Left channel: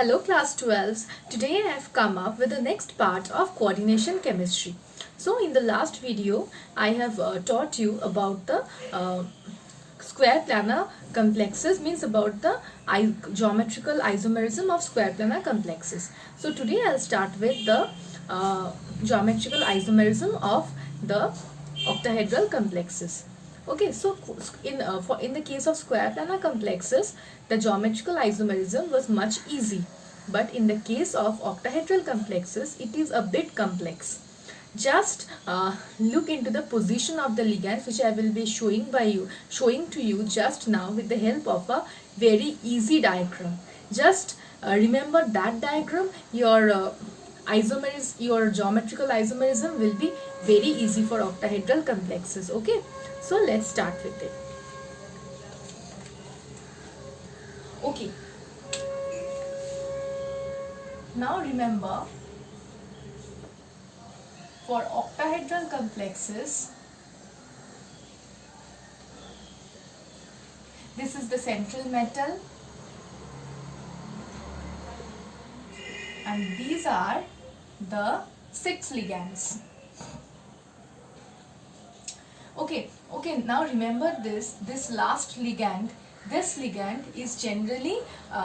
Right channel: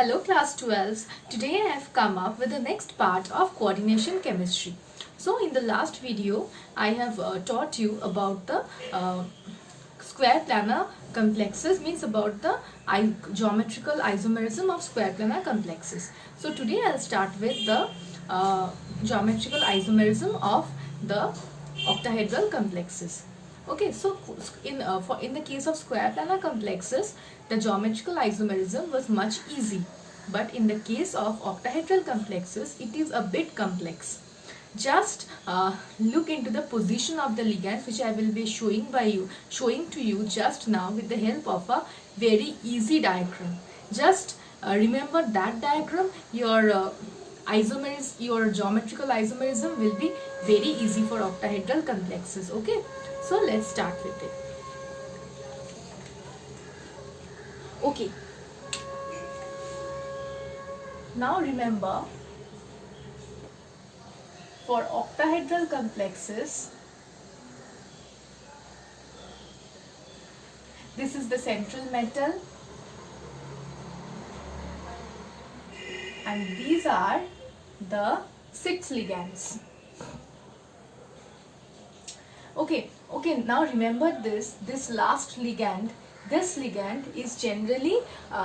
Hello class 12s. Today I have come up with the next part of coordination chemistry. So in the last video I have taught you about the square planar complexes, means about the geometrical isomerism of square planar complexes. So today I'll start with the geometrical isomerism of the octahedral complexes. Okay, so in the case of square planar complexes, the geometrical isomerism was much easy, but in the case of octahedral complexes, it is a bit complex. Just look into the position of the ligands, which I will be showing to you just now with the help of a very easy diagram. Just remember that diagram. Your your geometrical isomerism will be very easy for octahedral complexes. Okay, so let's start with it. Okay, now remember, for octahedral complexes, this is the central metal and these are the 6 ligands. Okay, now remember this last ligand. This ligand is generally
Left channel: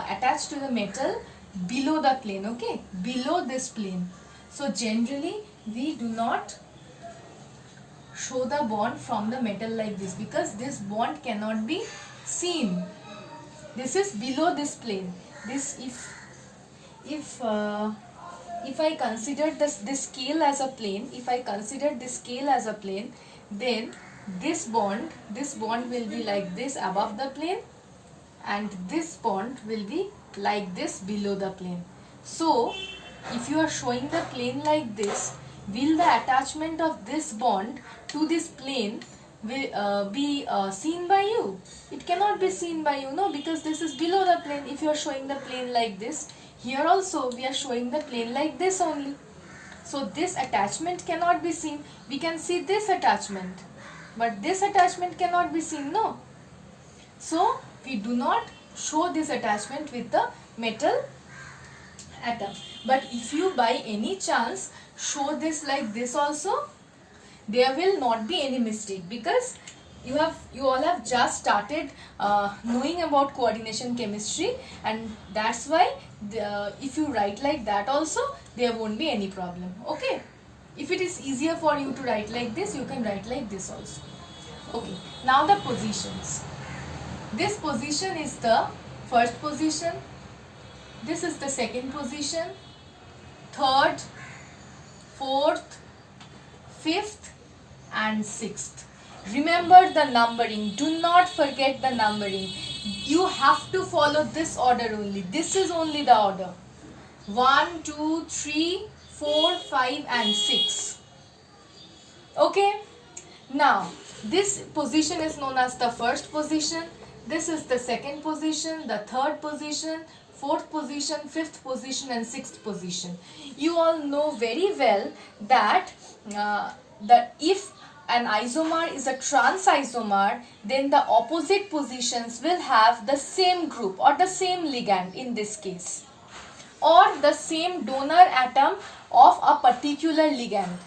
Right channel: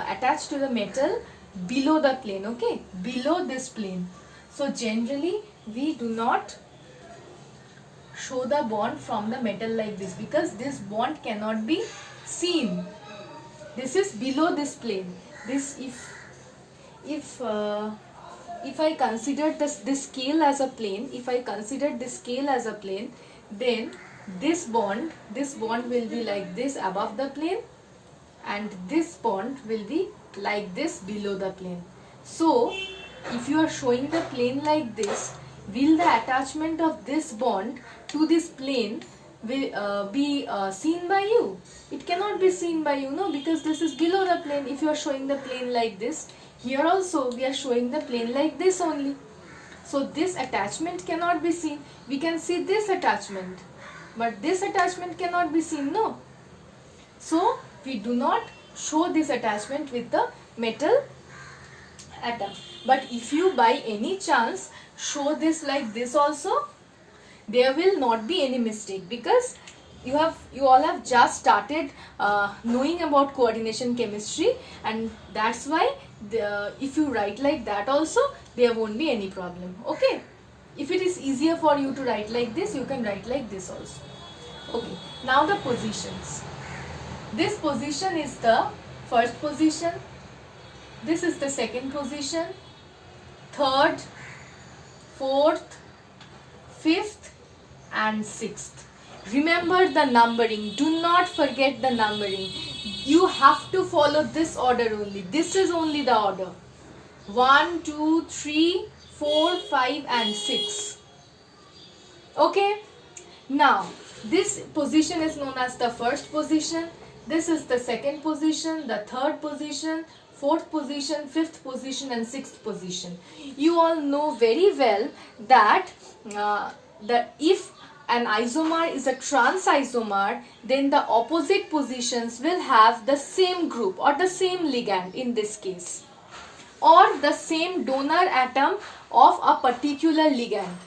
attached to the metal below the plane, okay, below this plane. So generally we do not show the bond from the metal like this, because this bond cannot be seen. This is below this plane. This if I consider this scale as a plane, then this bond will be like this above the plane and this bond will be like this below the plane. So if you are showing the plane like this, will the attachment of this bond to this plane will be seen by you? It cannot be seen by you, no, because this is below the plane. If you are showing the plane like this, here also we are showing the plane like this only. So this attachment cannot be seen. We can see this attachment, but this attachment cannot be seen, no. So we do not show this attachment with the metal atom. But if you by any chance show this like this also, there will not be any mistake, because you all have just started knowing about coordination chemistry, and that's why if you write like that also, there won't be any problem. Okay, if it is easier for you to write like this, you can write like this also. Okay, now the positions. This position is the first position, this is the second position, third, fourth, fifth and sixth. Remember the numbering. Do not forget the numbering. You have to follow this order only. This is only the order. 1, 2, 3, 4, 5 and 6. Okay. Now, this position is known as the first position. This is the second position, the third position, fourth position, fifth position and sixth position. You all know very well that if an isomer is a trans isomer, then the opposite positions will have the same group or the same ligand in this case, or the same donor atom of a particular ligand.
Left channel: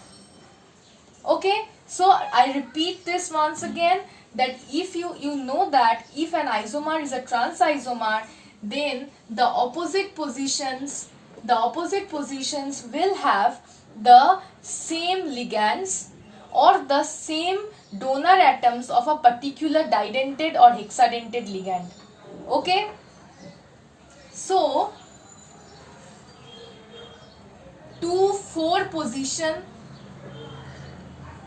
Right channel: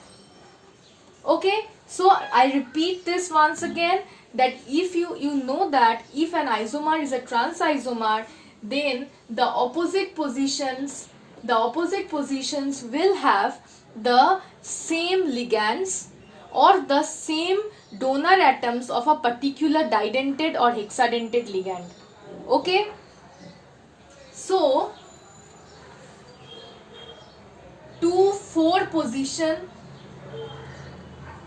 Okay, so I repeat this once again, that if you know that if an isomer is a trans isomer, then the opposite positions will have the same ligands or the same donor atoms of a particular didentate or hexadentate ligand. Okay, so 2, 4 position,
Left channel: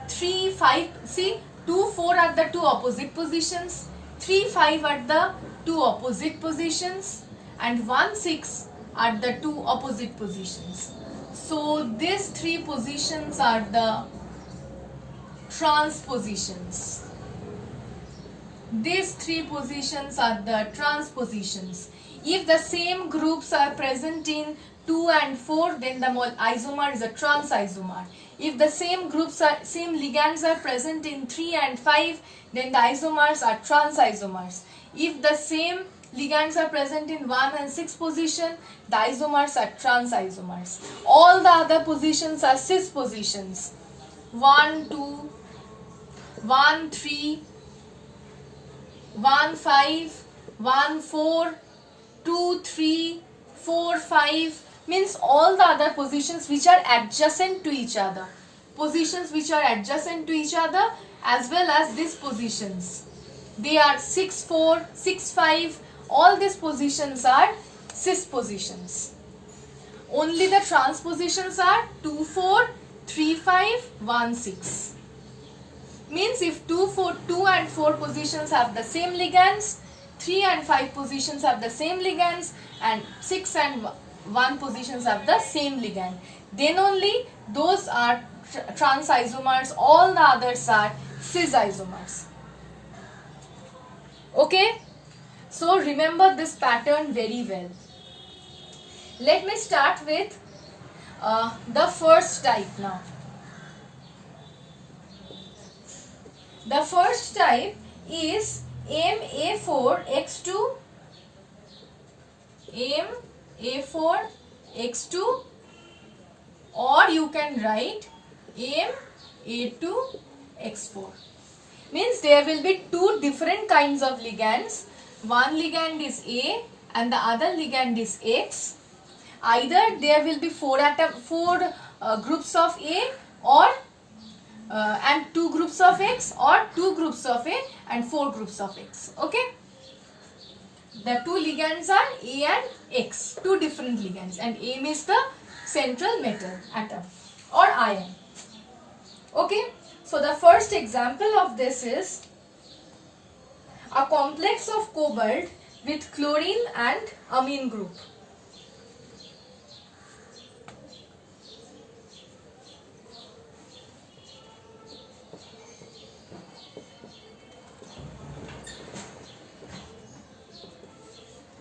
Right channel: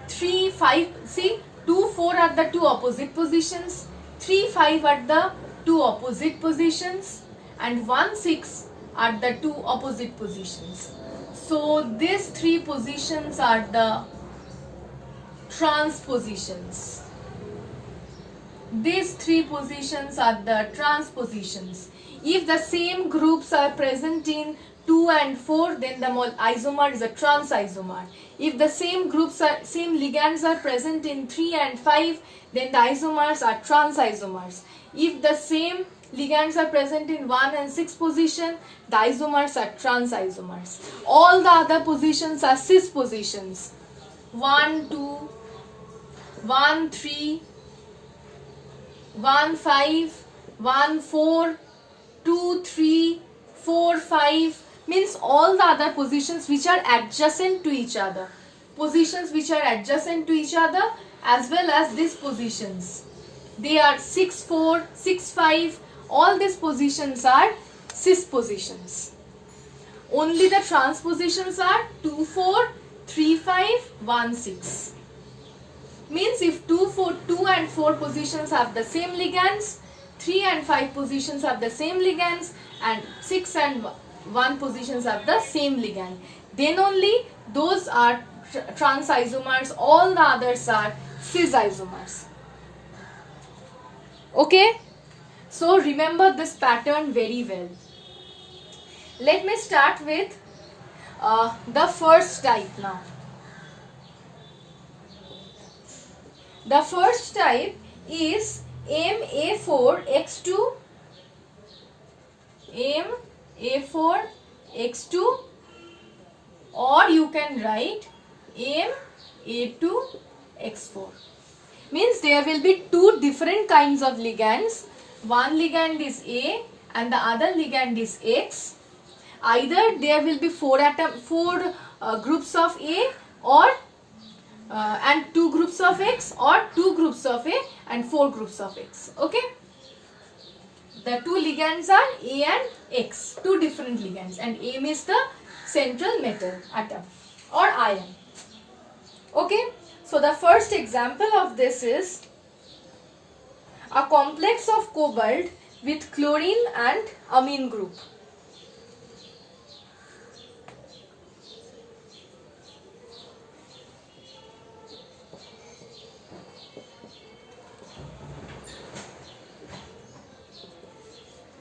3, 5, see, 2, 4 are the two opposite positions, 3, 5 are the two opposite positions and 1, 6 are the two opposite positions. So these 3 positions are the trans positions. These 3 positions are the trans positions. If the same groups are present in 2 and 4, then the isomer is a trans isomer. If the same ligands are present in 3 and 5, then the isomers are trans isomers. If the same ligands are present in 1 and 6 position. The isomers are trans isomers. All the other positions are cis positions. 1, 2, 1, 3, 1, 5, 1, 4, 2, 3, 4, 5 means all the other positions which are adjacent to each other. Positions which are adjacent to each other as well as these positions. They are 6, 4, 6, 5. All these positions are cis positions. Only the trans positions are 2, 4, 3, 5, 1, 6. Means if 2 and 4 positions have the same ligands, 3 and 5 positions have the same ligands, and 6 and 1 positions have the same ligand, then only those are trans isomers, all the others are cis isomers. Okay, so remember this pattern very well. Let me start with the first type now. The first type is MA4X2, MA4X2, or you can write MA2X4. Means there will be two different kinds of ligands. One ligand is A and the other ligand is X. Either there will be four groups of A, or and 2 groups of X, or 2 groups of A and 4 groups of X. Okay, the two ligands are A and X, two different ligands, and A is the central metal atom or ion. Okay, so the first example of this is a complex of cobalt with chlorine and amine group.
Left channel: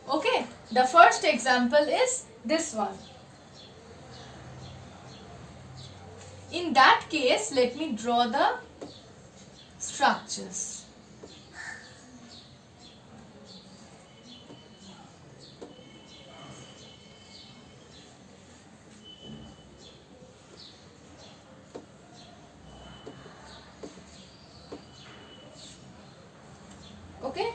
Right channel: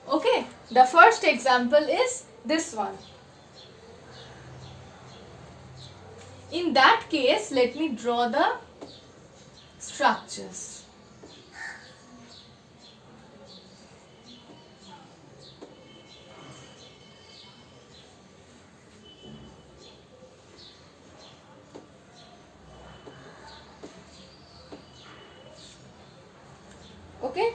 Okay, the first example is this one. In that case, let me draw the structures. Okay.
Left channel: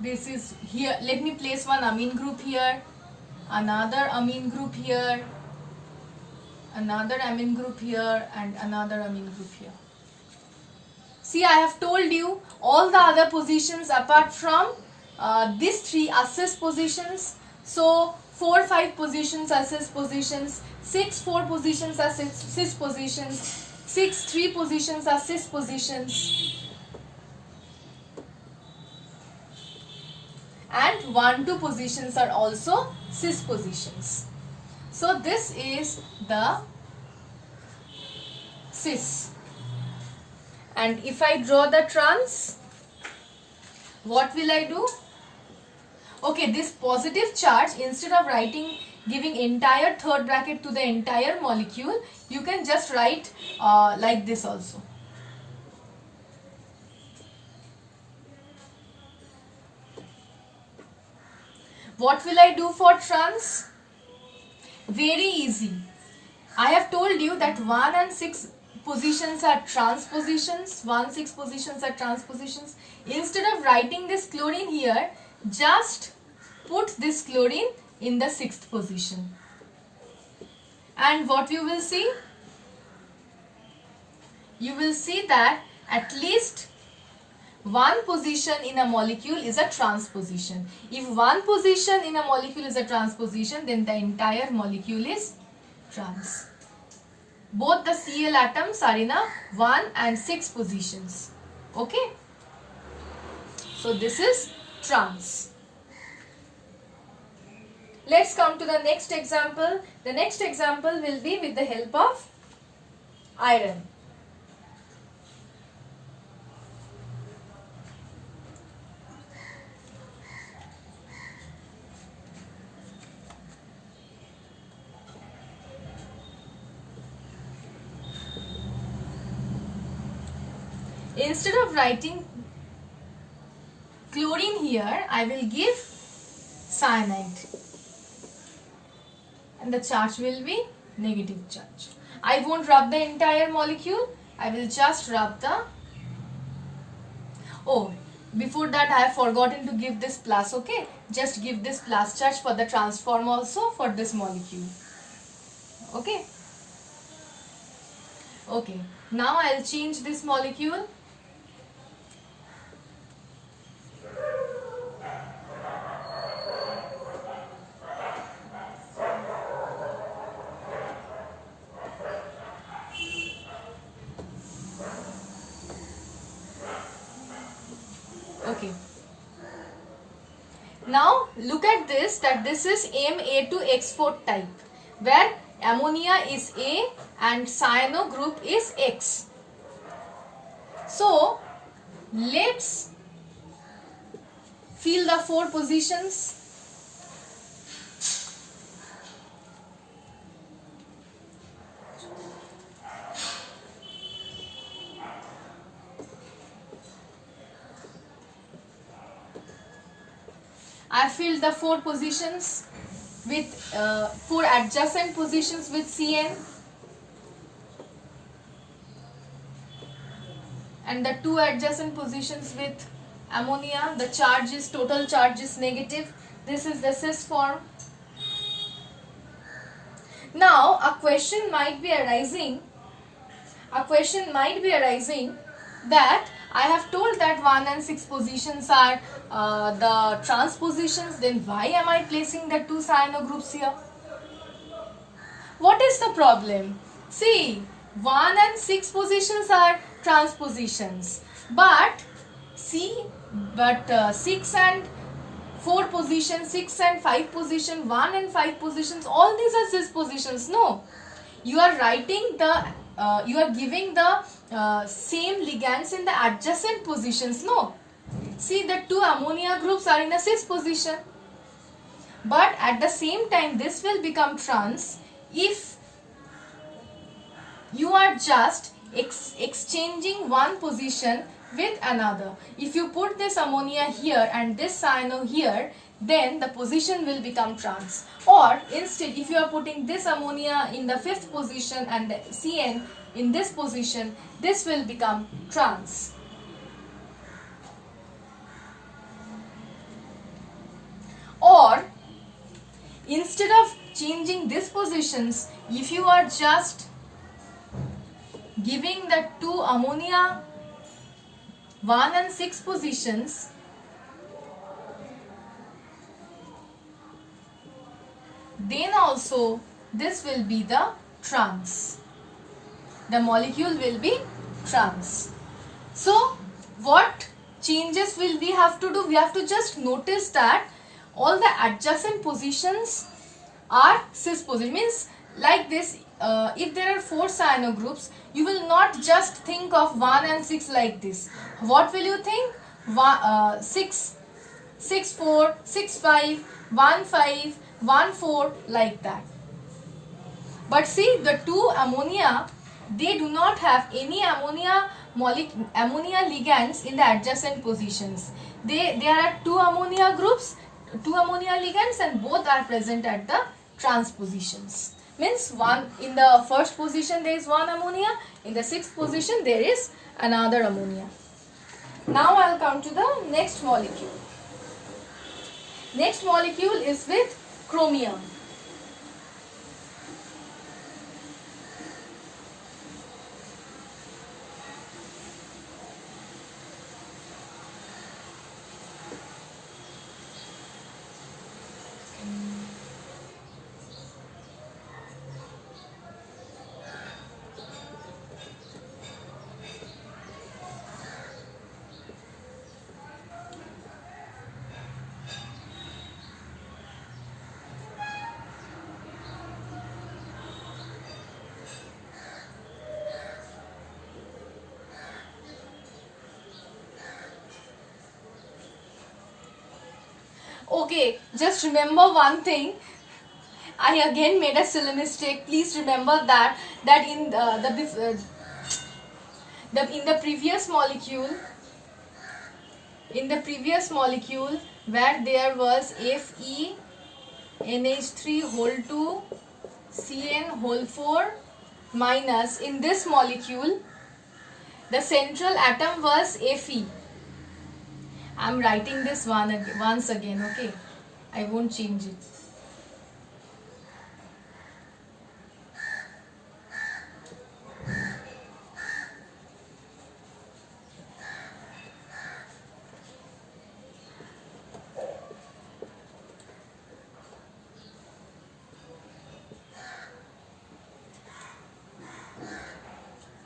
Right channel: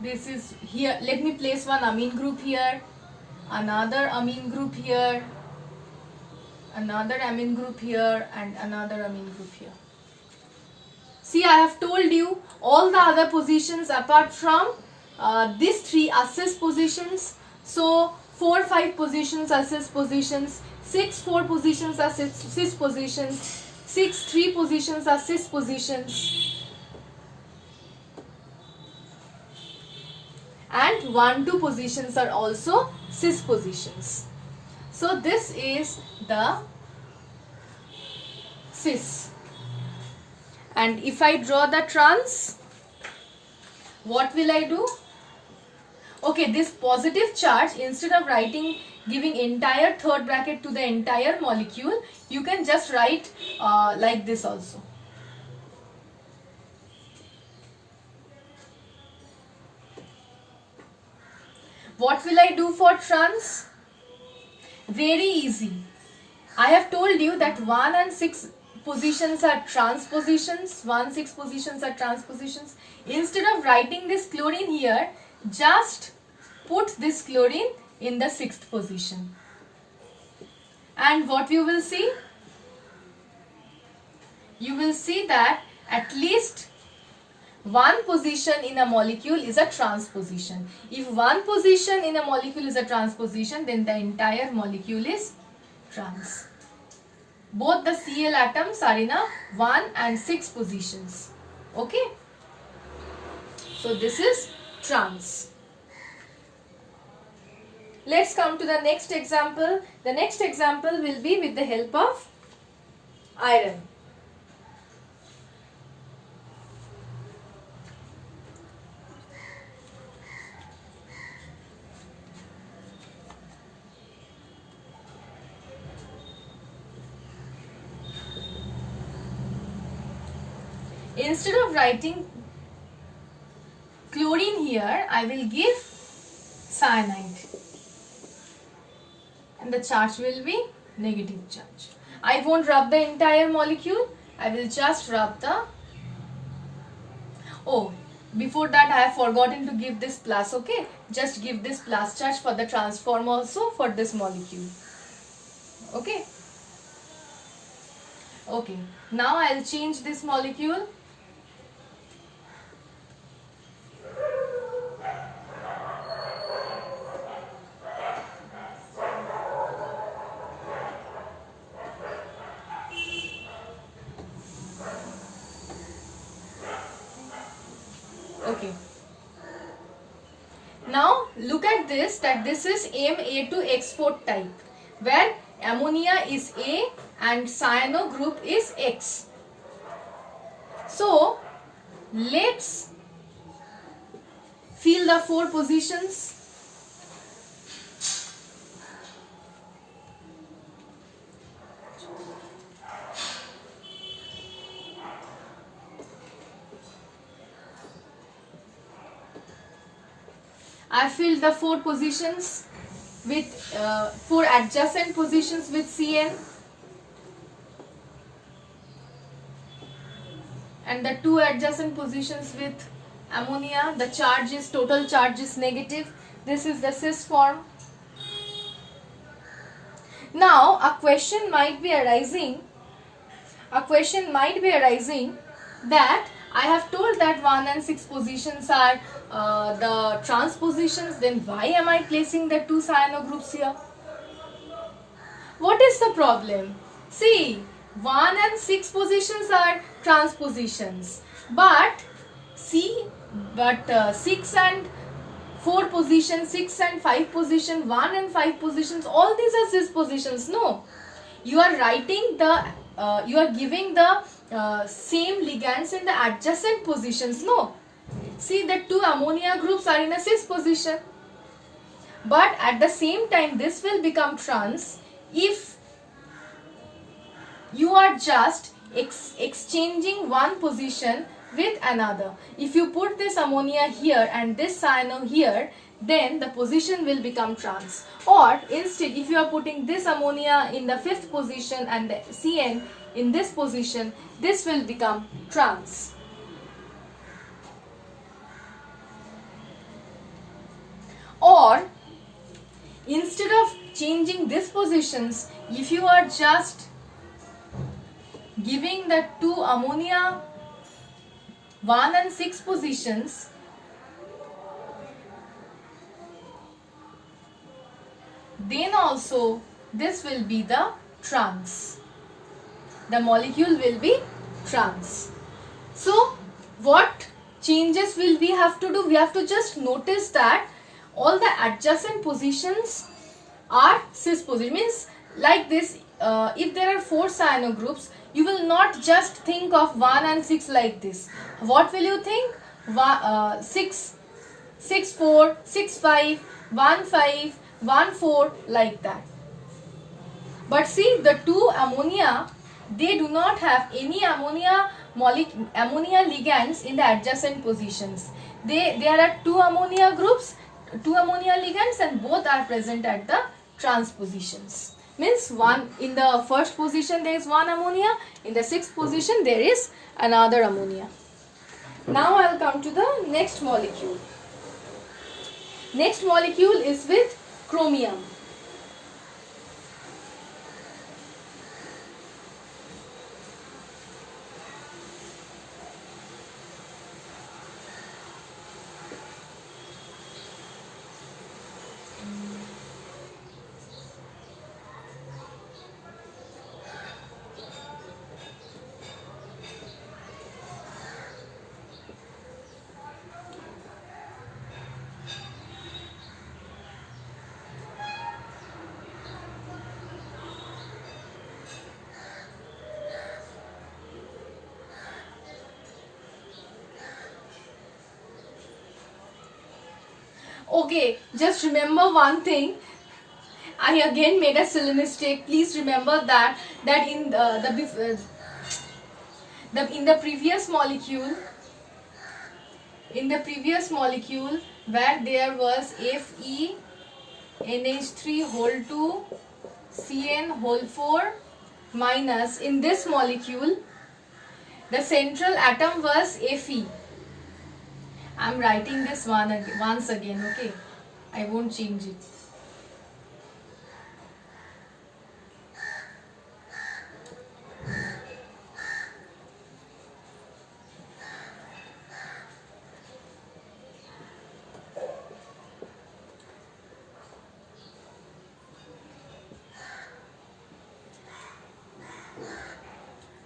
This is here. Let me place one amine group here, another amine group here, another amine group here, and another amine group here. See, I have told you all the other positions apart from these three are cis positions. So 4, 5 positions are cis positions, 6, 4 positions are cis positions, 6, 3 positions are cis positions, and 1, 2 positions are also cis positions. So this is the cis. And if I draw the trans, what will I do? Okay, this positive charge, instead of giving entire third bracket to the entire molecule, you can just write like this also. What will I do for trans? Very easy. I have told you that 1 and 6 positions are trans positions. 1, 6 positions are trans positions. Instead of writing this chlorine here, just put this chlorine in the 6th position. And what you will see? You will see that at least one position in a molecule is a trans position. If one position in a molecule is a trans position, then the entire molecule is trans. Both the Cl atoms are in a 1 and 6 positions. Okay. So this is trans. Let's come to the next example. The next example will be with the help of iron. instead of writing chlorine here, I will give cyanide. And the charge will be negative charge. I won't rub the entire molecule. I will just rub the... Oh, before that I have forgotten to give this plus, okay? Just give this plus charge for the transform also for this molecule. Okay? Okay. Now I will change this molecule. Okay. Now look at this, that this is Ma2X4 type, where ammonia is A and cyano group is X. So let's fill the 4 positions. I filled the 4 positions with 4 adjacent positions with Cn, and the 2 adjacent positions with ammonia. The charge is, total charge is negative. This is the cis form. Now a question might be arising. That I have told that 1 and 6 positions are the trans positions, then why am I placing the 2 cyano groups here? What is the problem? See, 1 and 6 positions are trans positions, but 6 and 4 positions, 6 and 5 position, 1 and 5 positions, all these are cis positions. No, you are writing the you are giving the same ligands in the adjacent positions. No, see, the 2 ammonia groups are in a cis position, but at the same time this will become trans if you are just exchanging one position with another. If you put this ammonia here and this cyano here, then the position will become trans. Or instead, if you are putting this ammonia in the 5th position and the Cn in this position, this will become trans. Or instead of changing these positions, if you are just giving the 2 ammonia 1 and 6 positions, then also this will be the trans. The molecule will be trans. So what changes will we have to do? We have to just notice that all the adjacent positions are cis position. Means like this, if there are 4 cyano groups, you will not just think of 1 and 6 like this. What will you think? 6, 6, 4, 6, 5, 1, 5, 1, 4, like that. But see, the 2 ammonia, they do not have any ammonia ligands in the adjacent positions. There are 2 ammonia groups, 2 ammonia ligands, and both are present at the trans positions. Means one in the 1st position there is 1 ammonia, in the 6th position there is another ammonia. Now I will come to the next molecule. Next molecule is with chromium. Okay, just remember one thing. I again made a silly mistake. Please remember that in In the previous molecule, where there was Fe NH3 whole 2 Cn whole 4 minus, in this molecule the central atom was Fe. I am writing this once again, okay? I won't change it.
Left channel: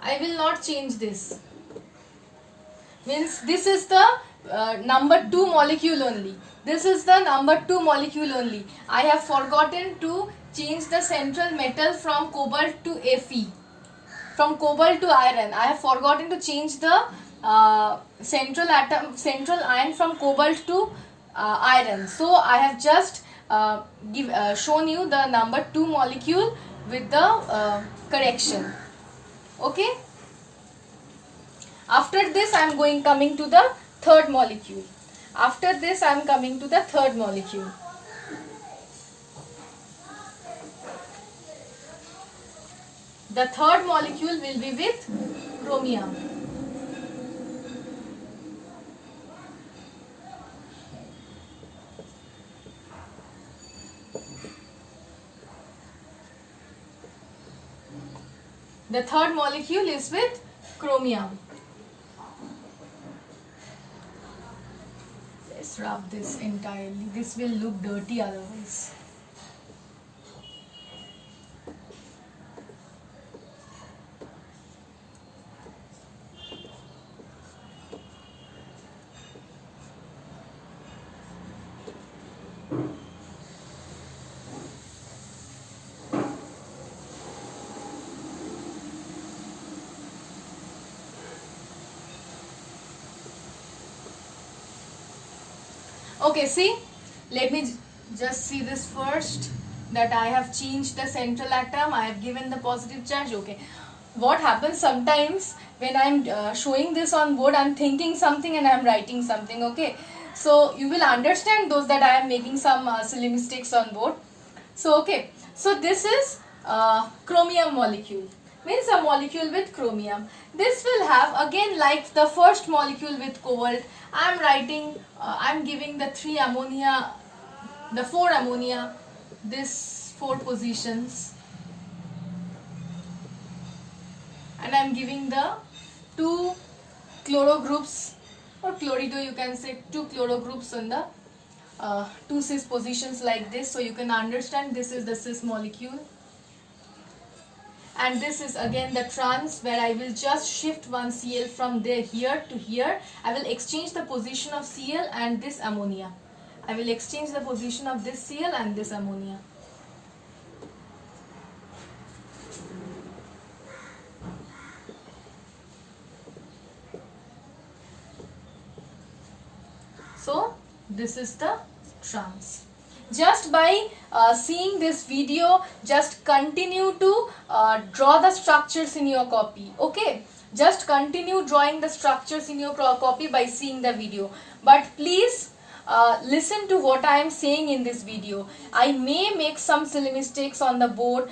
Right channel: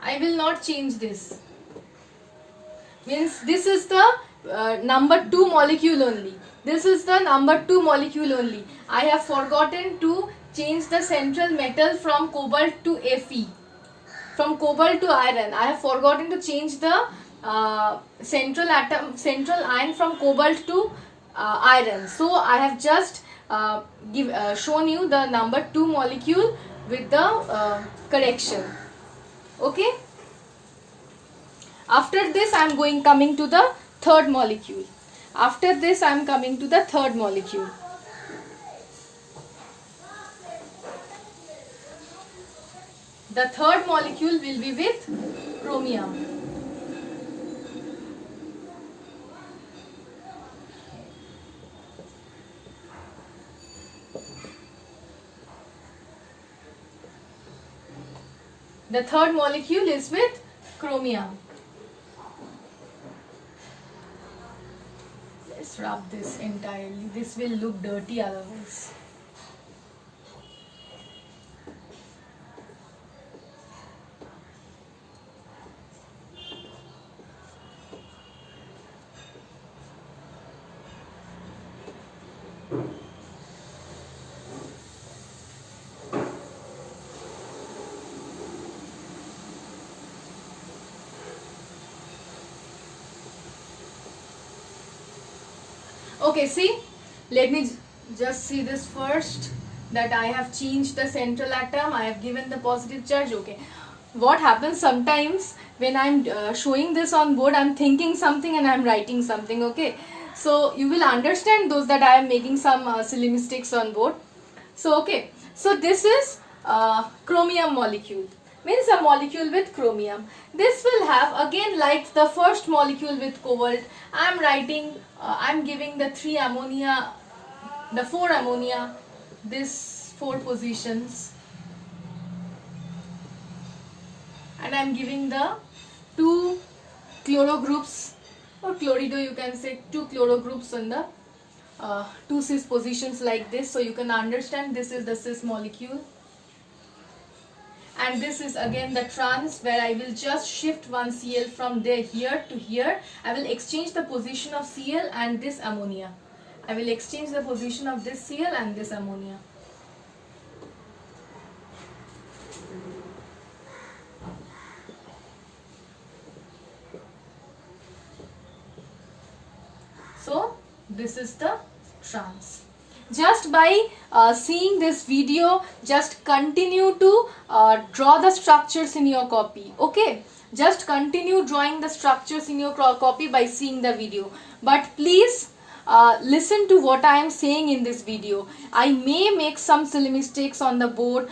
I will not change this. Means this is the number 2 molecule only. This is the number 2 molecule only. I have forgotten to change the central metal from cobalt to Fe. From cobalt to iron. I have forgotten to change the central ion from cobalt to iron. So I have just shown you the number 2 molecule with the correction. Okay. After this I am coming to the third molecule. After this I am coming to the third molecule. The third molecule will be with chromium. The third molecule is with chromium. Let's rub this entirely. This will look dirty otherwise. Okay, see, let me just see this first, that I have changed the central atom, I have given the positive charge. Okay, what happens sometimes when I am showing this on board, I am thinking something and I am writing something. Okay, so you will understand those that I am making some silly mistakes on board. So okay, so this is chromium molecule, means a molecule with chromium. This will have, again like the first molecule with cobalt, I am writing, I am giving the 4 ammonia, this 4 positions, and I am giving the 2 chloro groups, or chlorido you can say, 2 chloro groups on the 2 cis positions like this. So you can understand this is the cis molecule. And this is again the trans, where I will just shift one Cl from here to here. I will exchange the position of Cl and this ammonia. I will exchange the position of this Cl and this ammonia. So this is the trans. Just by seeing this video, just continue to draw the structures in your copy. Okay, just continue drawing the structures in your copy by seeing the video. But please listen to what I am saying in this video. I may make some silly mistakes on the board,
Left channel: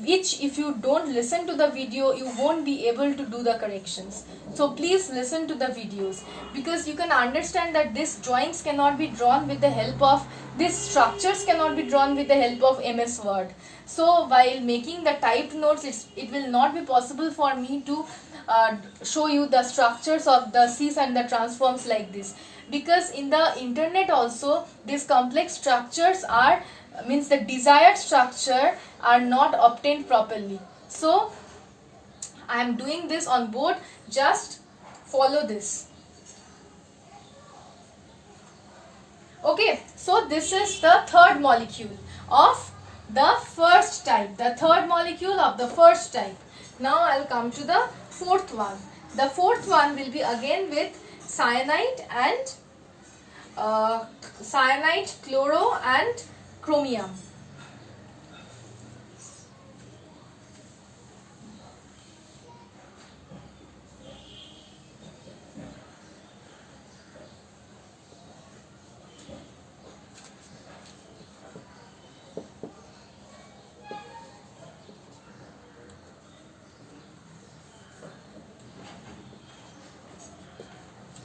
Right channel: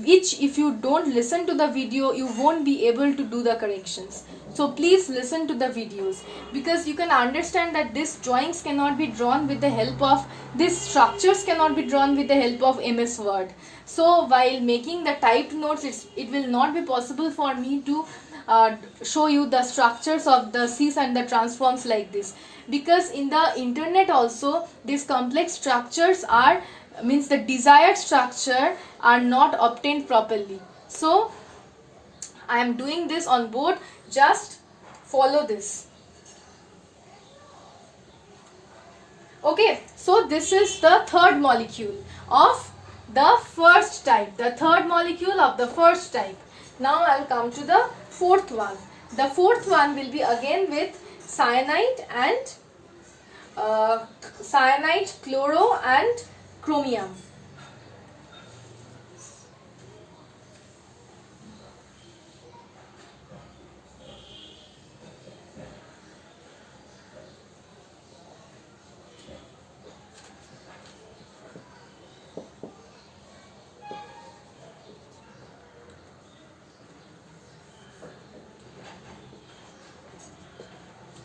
which if you don't listen to the video, you won't be able to do the corrections. So please listen to the videos, because you can understand that these drawings cannot be drawn with the help of, these structures cannot be drawn with the help of MS Word. So while making the typed notes, it will not be possible for me to show you the structures of the cis and the transforms like this, because in the internet also these complex structures are, means the desired structure are not obtained properly. So I am doing this on board, just follow this. Okay, so this is the third molecule of the first type, the third molecule of the first type. Now I will come to the fourth one. The fourth one will be again with cyanide and chloro and chromium.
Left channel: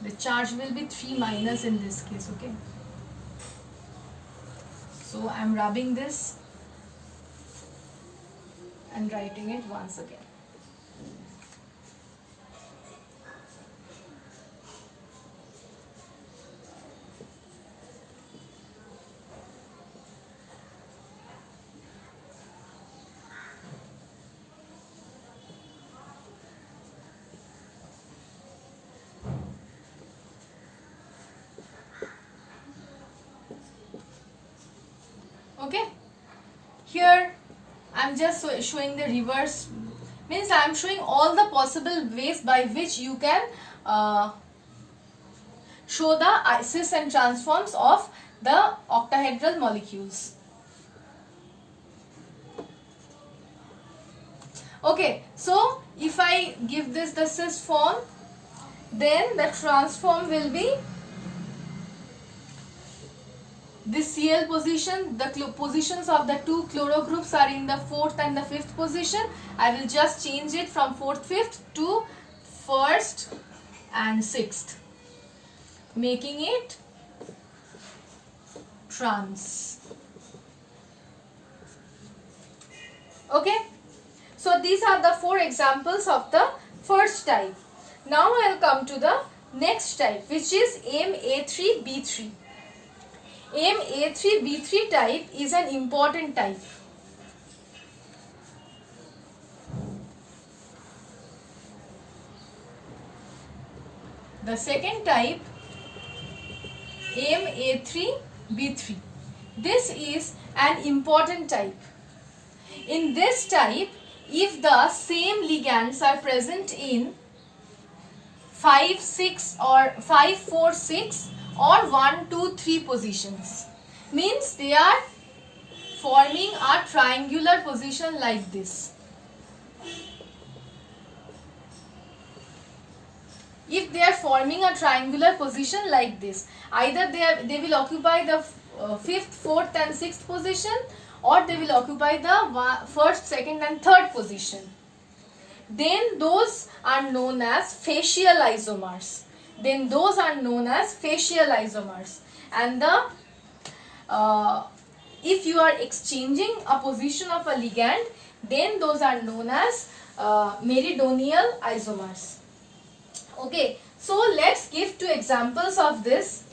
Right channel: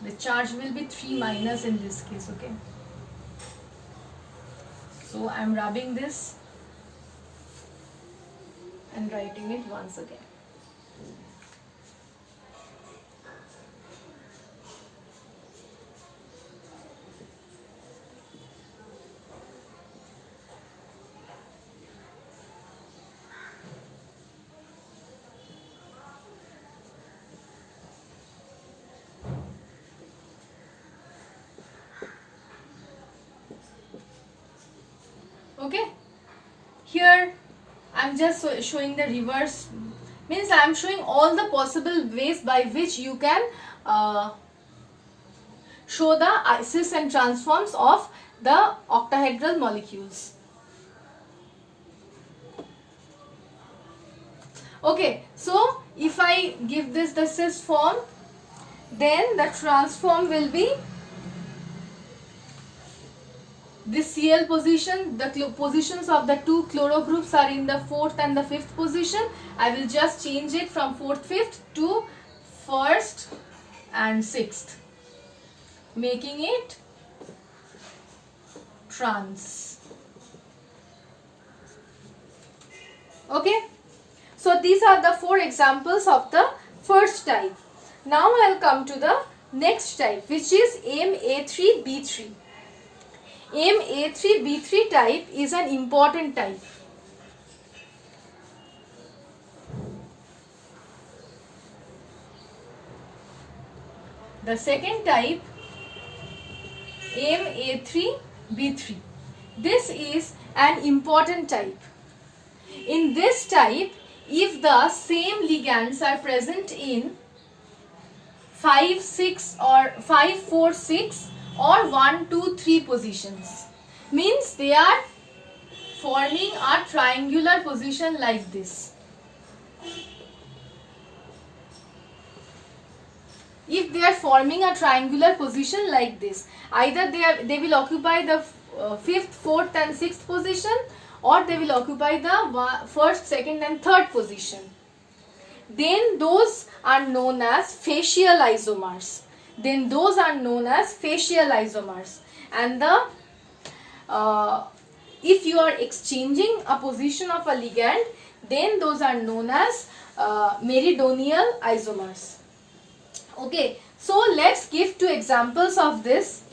The charge will be 3 minus in this case. Okay, so I'm rubbing this and writing it once again. Okay, here I'm just showing the reverse, means I'm showing all the possible ways by which you can show the cis and transforms of the octahedral molecules. Okay, so if I give this the cis form, then the transform will be this Cl position. The positions of the two chloro groups are in the 4th and the 5th position. I will just change it from 4th, 5th to 1st and 6th, making it trans. Okay, so these are the 4 examples of the first type. Now I'll come to the next type, which is MA3B3. MA3B3 type is an important type. The second type, MA3B3. This is an important type. In this type, if the same ligands are present in 5, 6 or 5, 4, 6 or 1, 2, 3 positions, means they are forming a triangular position like this. If they are forming a triangular position like this, either they will occupy the 5th, 4th and 6th position, or they will occupy the 1st, 2nd and 3rd position. Then those are known as facial isomers. And the if you are exchanging a position of a ligand, then those are known as meridional isomers. Okay, so let's give 2 examples of this.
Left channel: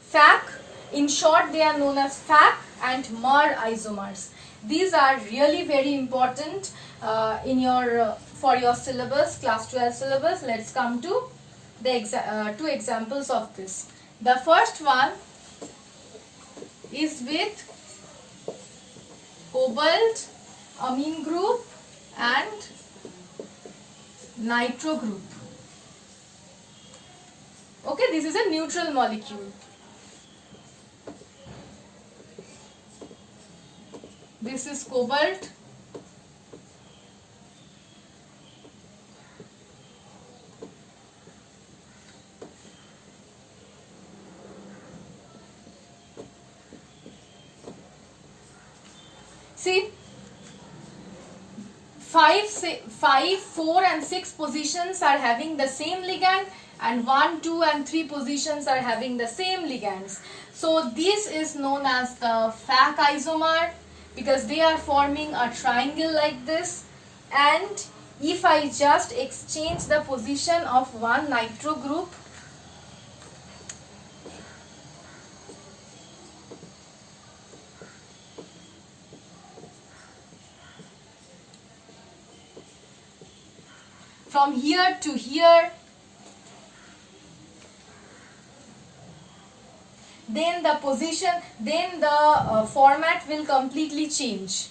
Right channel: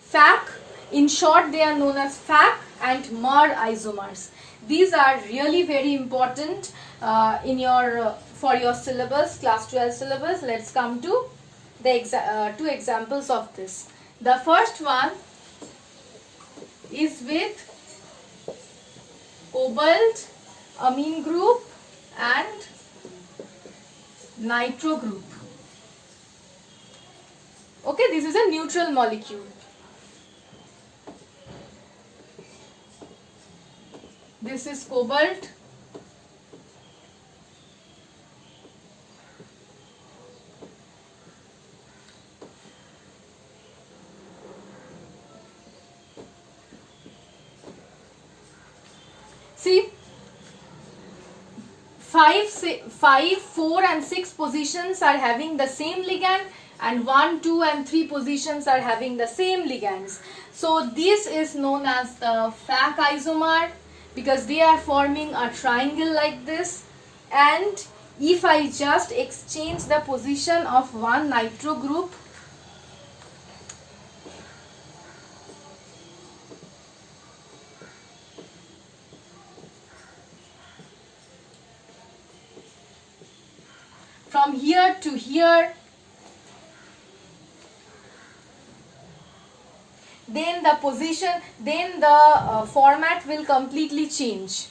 FAC, in short they are known as FAC and MER isomers. These are really very important in your for your syllabus, class 12 syllabus. Let's come to the 2 examples of this. The first one is with cobalt amine group and nitro group. Okay, this is a neutral molecule. This is cobalt. See, 5, 4 and 6 positions are having the same ligand, and 1, 2 and 3 positions are having the same ligands. So this is known as the FAC isomer, because they are forming a triangle like this. And if I just exchange the position of one nitro group, from here to here, then the position, then the format will completely change.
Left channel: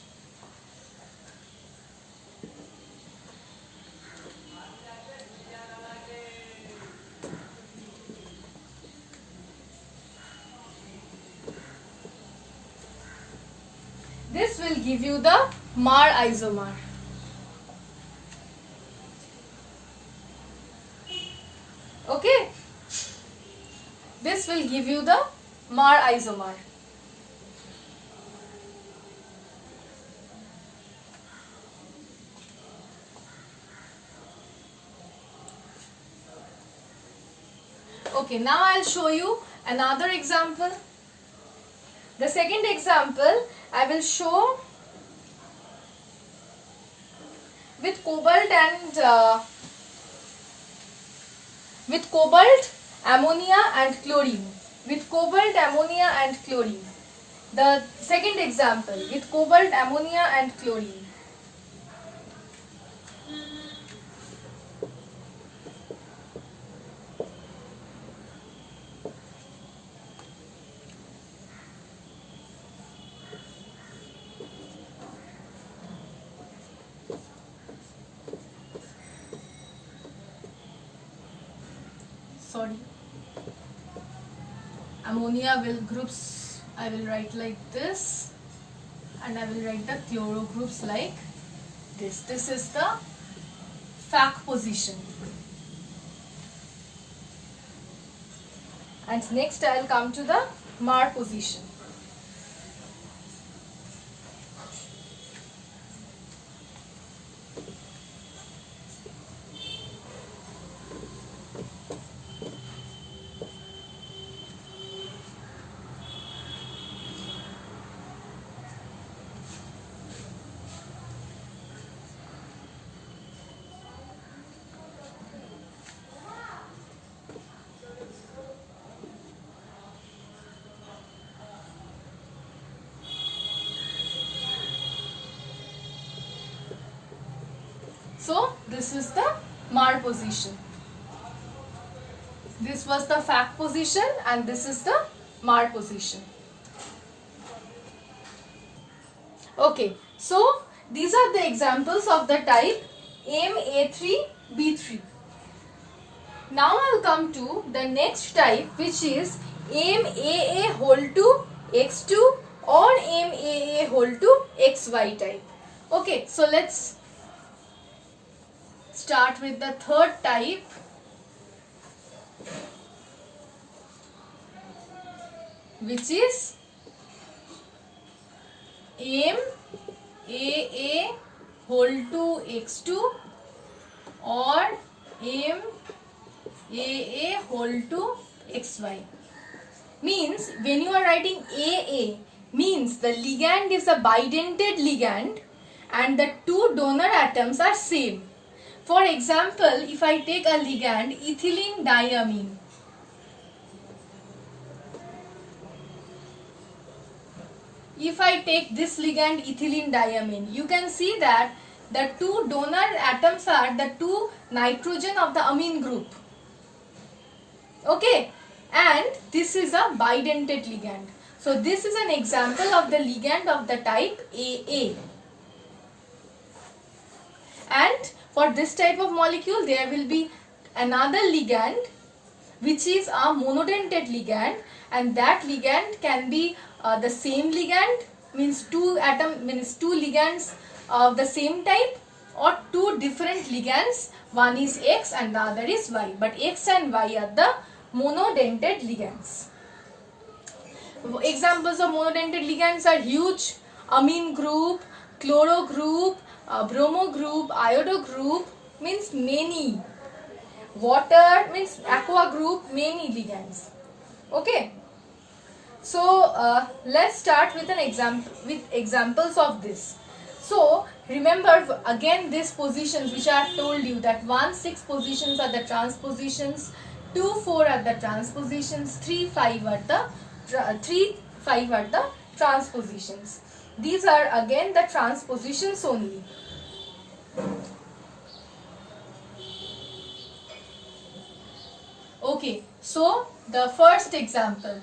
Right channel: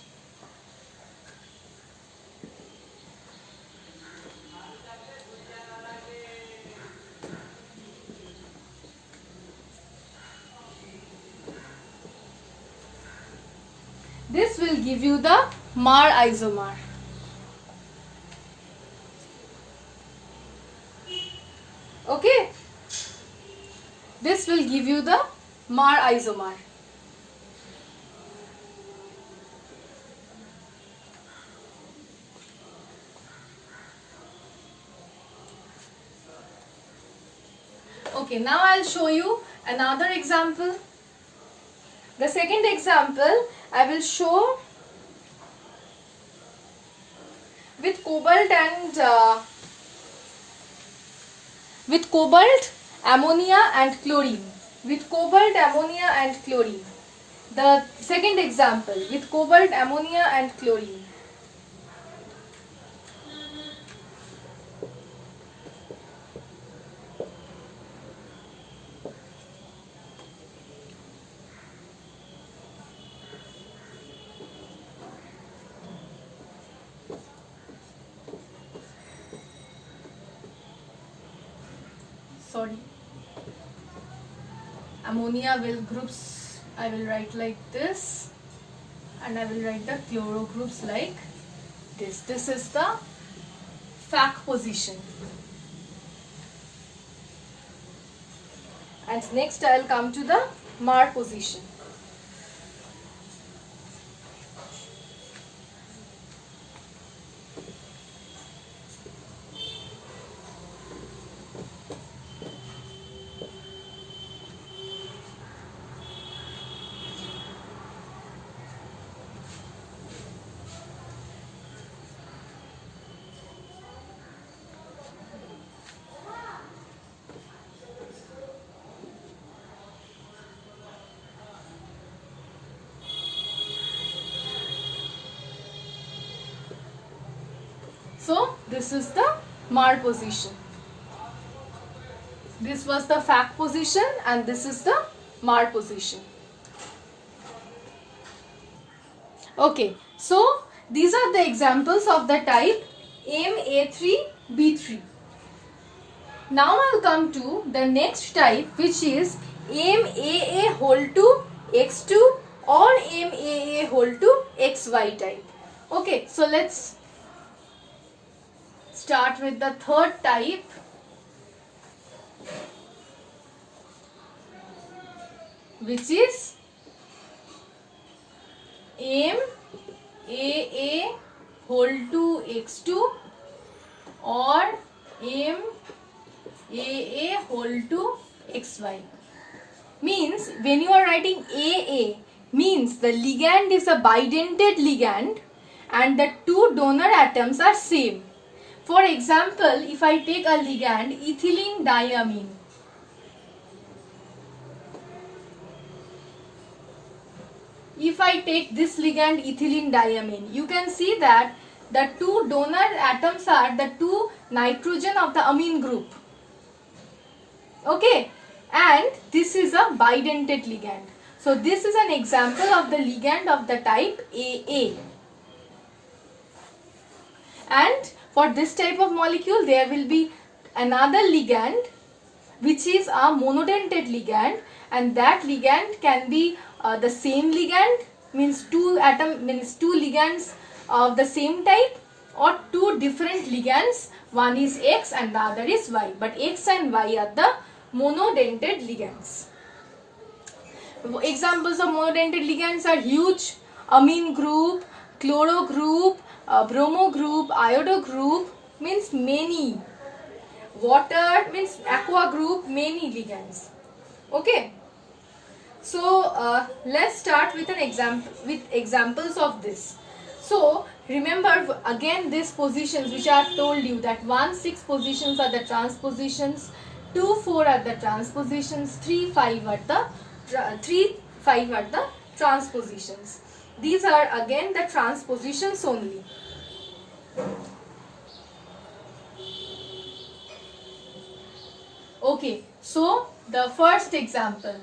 This will give you the MER isomer. Okay, this will give you the MER isomer. Okay, now I'll show you another example. The second example I will show with cobalt and with cobalt, ammonia and chlorine. With cobalt, ammonia and chlorine. The second example with cobalt, ammonia and chlorine. Sorry, ammonia will groups, I will write like this, and I will write the chloro groups like this. This is the FAC position. And next I will come to the MAR position. So this is the MAR position. This was the FAC position and this is the MAR position. Okay, so these are the examples of the type MA3B3. Now I'll come to the next type, which is MAA whole to X2 or MAA whole to XY type. Okay, so let's start with the third type, which is MAA whole to X2 or MAA whole to XY. Means when you are writing AA, means the ligand is a bidentate ligand and the two donor atoms are same. For example, if I take a ligand ethylene diamine, if I take this ligand ethylene diamine, you can see that the two donor atoms are the two nitrogen of the amine group. Okay, and this is a bidentate ligand. So this is an example of the ligand of the type AA. And for this type of molecule, there will be another ligand which is a monodentate ligand, and that ligand can be the same ligand, means two ligands of the same type, or two different ligands, one is X and the other is Y, but X and Y are the monodentate ligands. Examples of monodentate ligands are huge, amine group, chloro group, bromo group, iodo group, means many. Water means aqua group, many ligands. Okay. So let's start with an example, with examples of this. So remember again these positions which I have told you, that 1, 6 positions are the transpositions, 2, 4 are the transpositions, 3, 5 are the transpositions. These are again the transpositions only. Okay, so the first example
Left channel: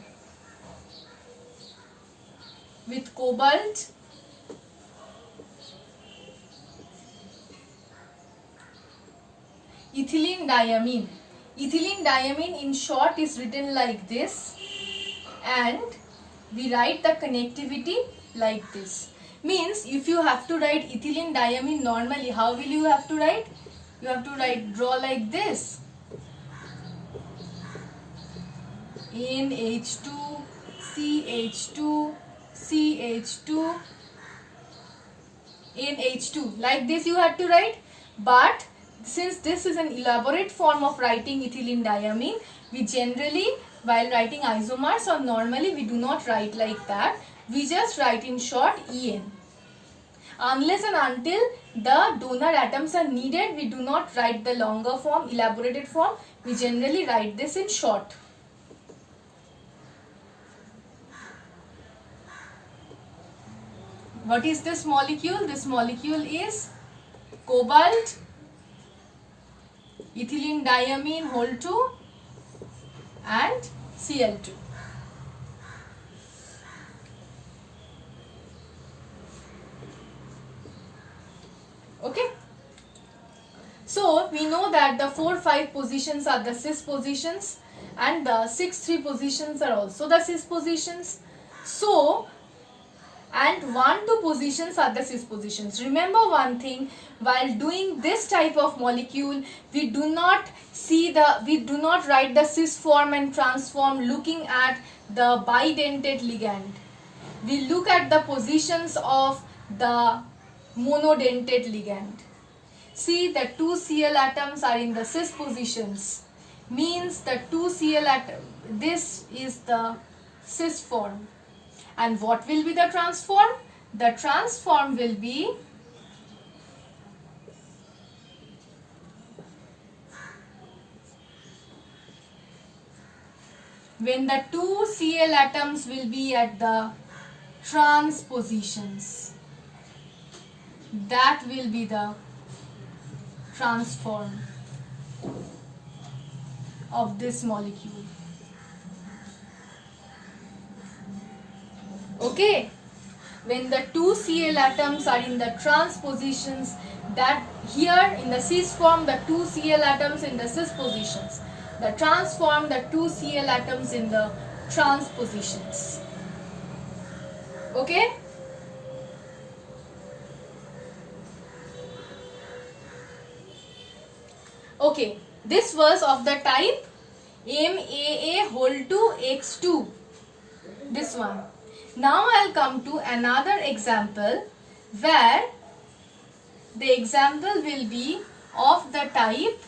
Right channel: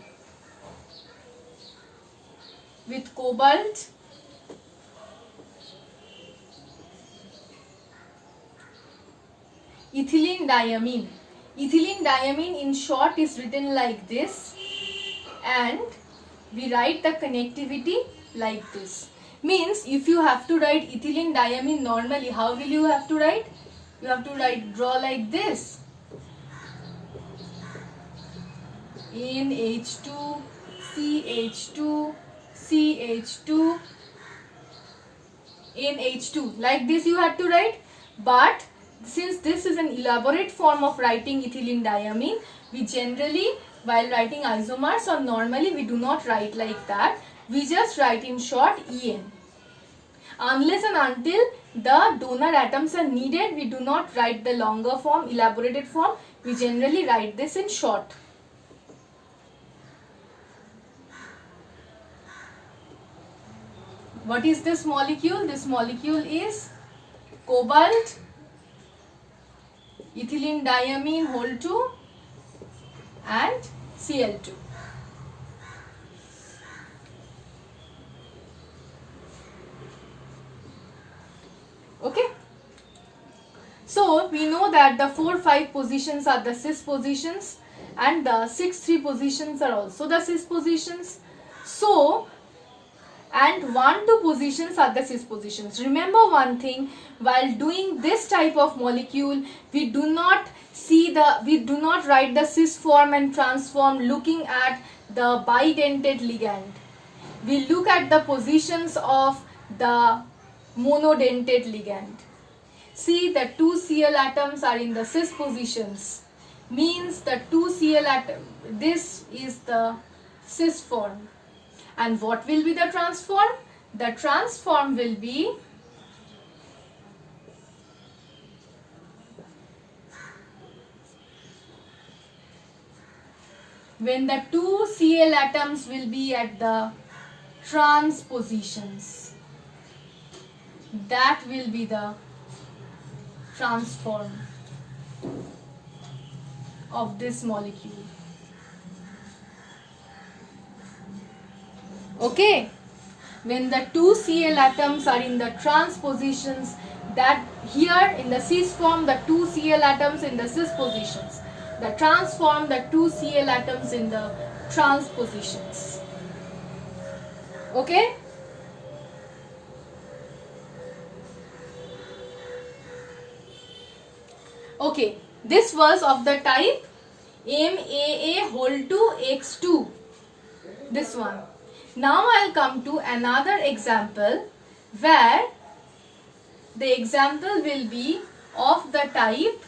with cobalt, ethylene diamine. Ethylene diamine in short is written like this, and we write the connectivity like this. Means if you have to write ethylene diamine normally, how will you have to write? You have to draw like this. NH2, CH2, CH2, NH2. Like this you have to write. But since this is an elaborate form of writing ethylene diamine, we generally, while writing isomers or normally, we do not write like that. We just write in short En. Unless and until the donor atoms are needed, we do not write the longer form, elaborated form. We generally write this in short. What is this molecule? This molecule is cobalt, ethylene diamine whole 2 and Cl2. Okay. So we know that the 4-5 positions are the cis positions and the 6-3 positions are also the cis positions. So, and 1-2 positions are the cis positions. Remember one thing, while doing this type of molecule, we do not write the cis form and trans form looking at the bidentate ligand. We look at the positions of the monodentate ligand. See, the 2 Cl atoms are in the cis positions, means the 2 Cl atom, this is the cis form. And what will be the trans form? The trans form will be when the 2 Cl atoms will be at the trans positions. That will be the trans form of this molecule. Okay, when the 2 Cl atoms are in the trans positions, that here in the cis form, the 2 Cl atoms in the cis positions, the trans form, the 2 Cl atoms in the trans positions. Okay. Okay, this was of the type MAA whole 2 X2. This one. Now I'll come to another example where the example will be of the type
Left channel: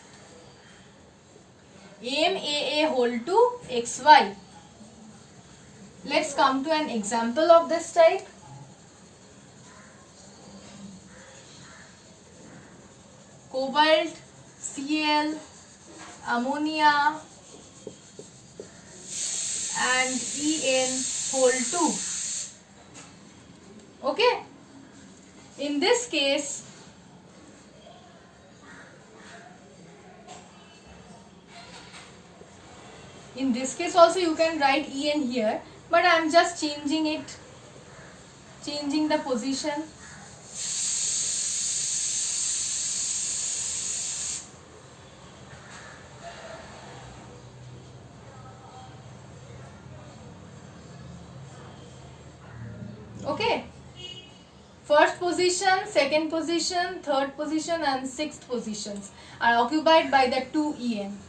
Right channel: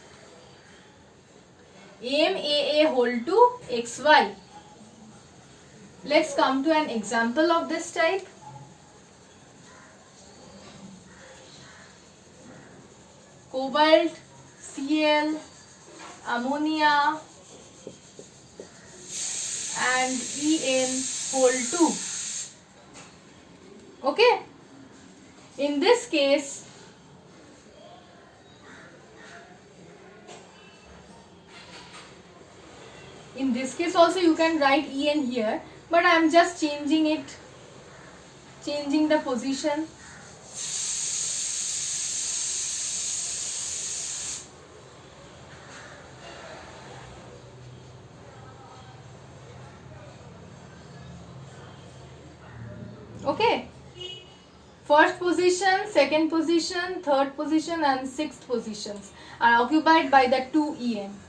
MAA whole 2 XY. Let's come to an example of this type. Cobalt, Cl, ammonia and En whole 2. Okay. In this case, also you can write En here, but I am just changing it, changing the position. Okay. First position, second position, third position and sixth positions are occupied by the 2 En.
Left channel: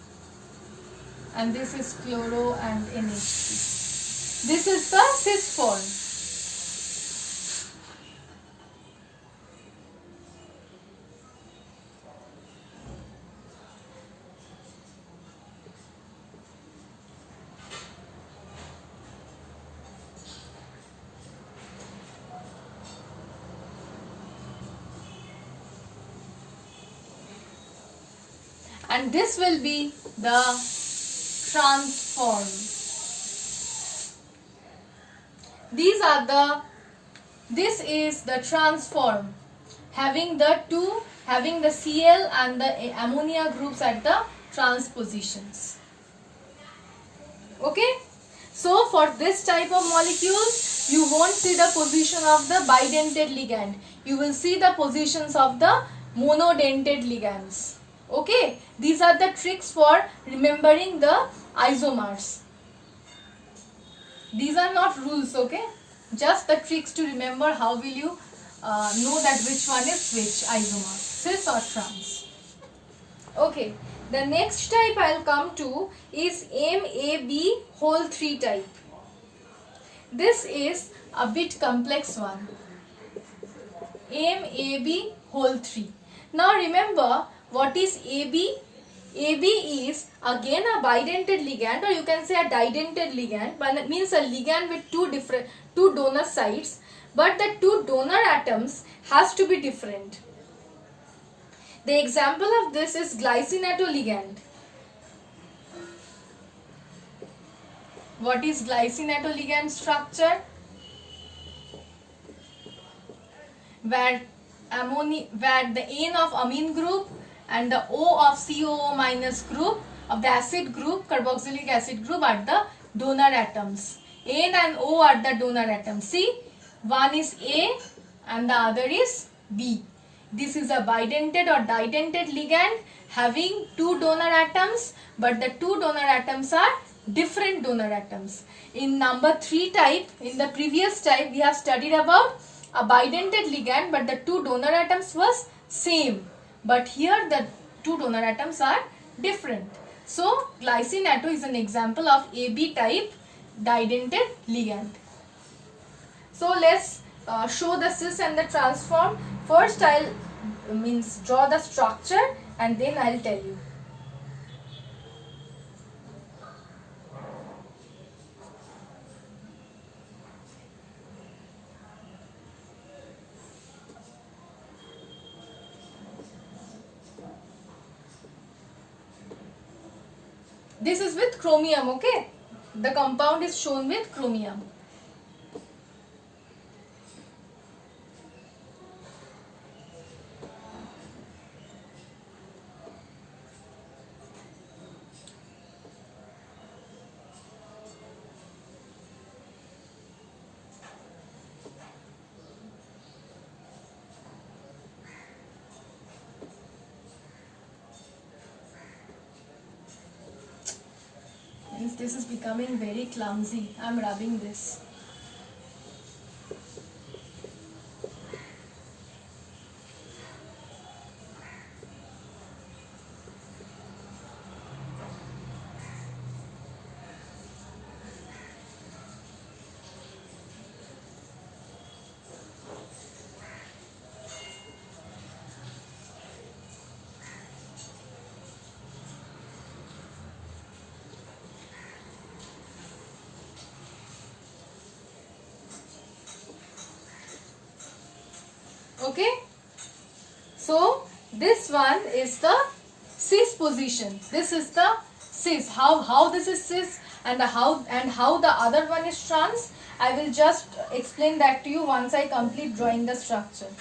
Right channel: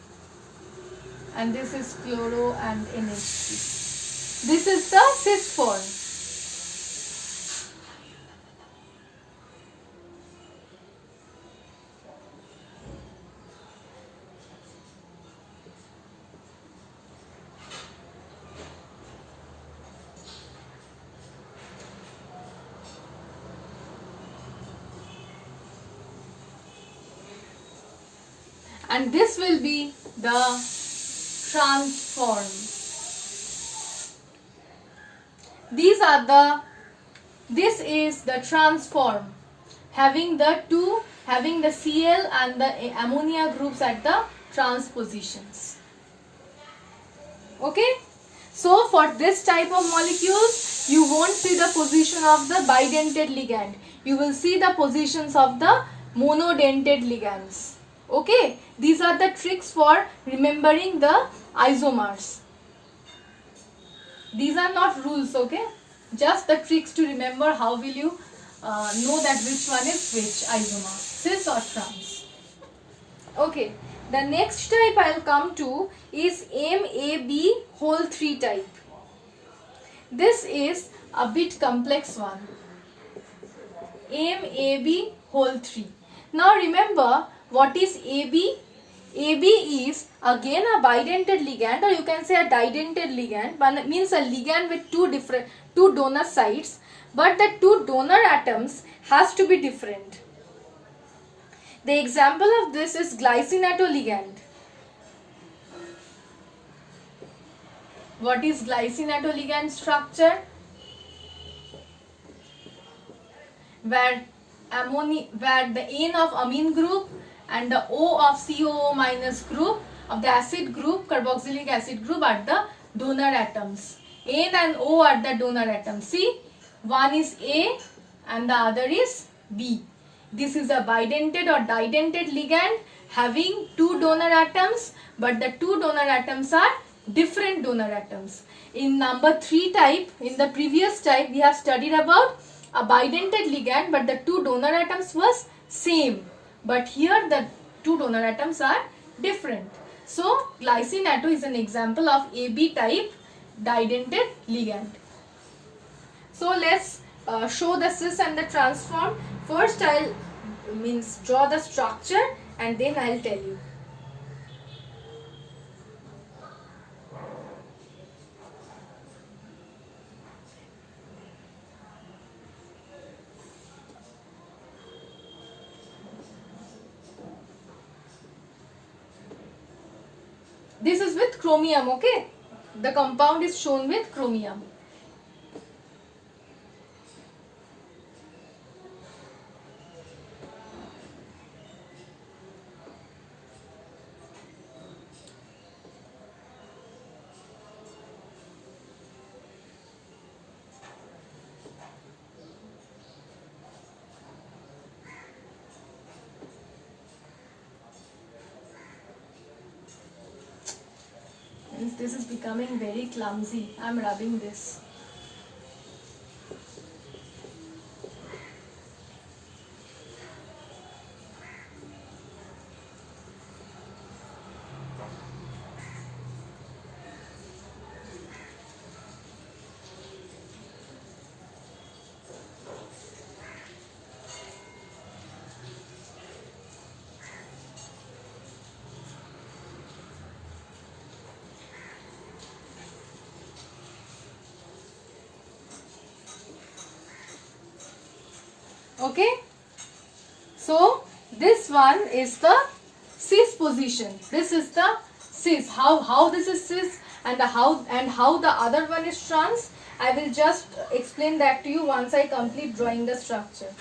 And this is chloro and NH3. This is the cis form. And this will be the trans form. This is the trans form, having the Cl and the ammonia groups at the trans positions. Okay. So for this type of molecules, you won't see the position of the bidentate ligand. You will see the positions of the monodentate ligands. Okay, these are the tricks for remembering the isomers. These are not rules, okay? Just the tricks to remember how will you know that which one is which isomer, cis or trans. Okay, the next type I'll come to is MAB whole 3 type. This is a bit complex one. MAB whole 3. Now remember, What is AB? AB is again a bidentate ligand, or you can say a didentate ligand, but means a ligand with two donor sites, but the two donor atoms has to be different. The example of this is glycine ligand. What is glycine ligand structure? Where the N of amine group and the O of COO minus group of the acid group, carboxylic acid group, are the donor atoms. N and O are the donor atoms. See, one is A and the other is B. This is a bidentate or didentate ligand having two donor atoms, but the two donor atoms are different donor atoms. In number 3 type, in the previous type, we have studied about a bidentate ligand, but the two donor atoms was same. But here the two donor atoms are different. So glycine is an example of AB type didentate ligand. So let's show the cis and the transform. First I'll draw the structure and then I'll tell you. This is with chromium, okay? The compound is shown with chromium. This is becoming very clumsy. I'm rubbing this. Okay, so this one is the cis position. This is the cis. How this is cis and how the other one is trans, I will just explain that to you once I complete drawing the structure.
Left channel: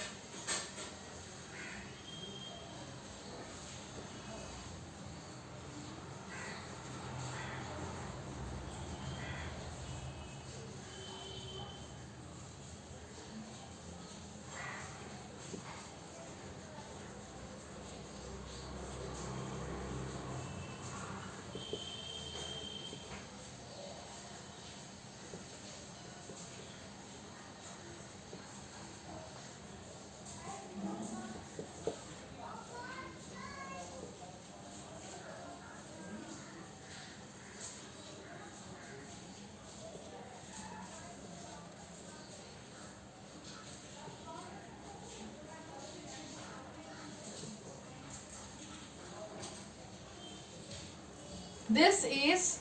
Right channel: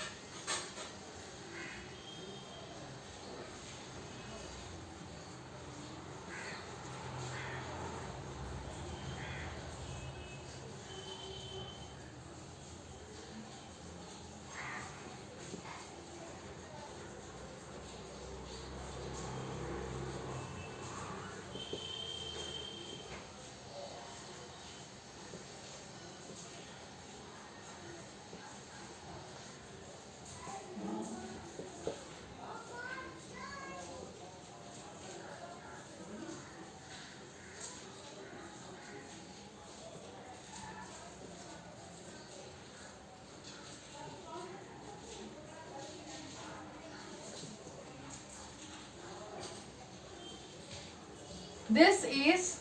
This is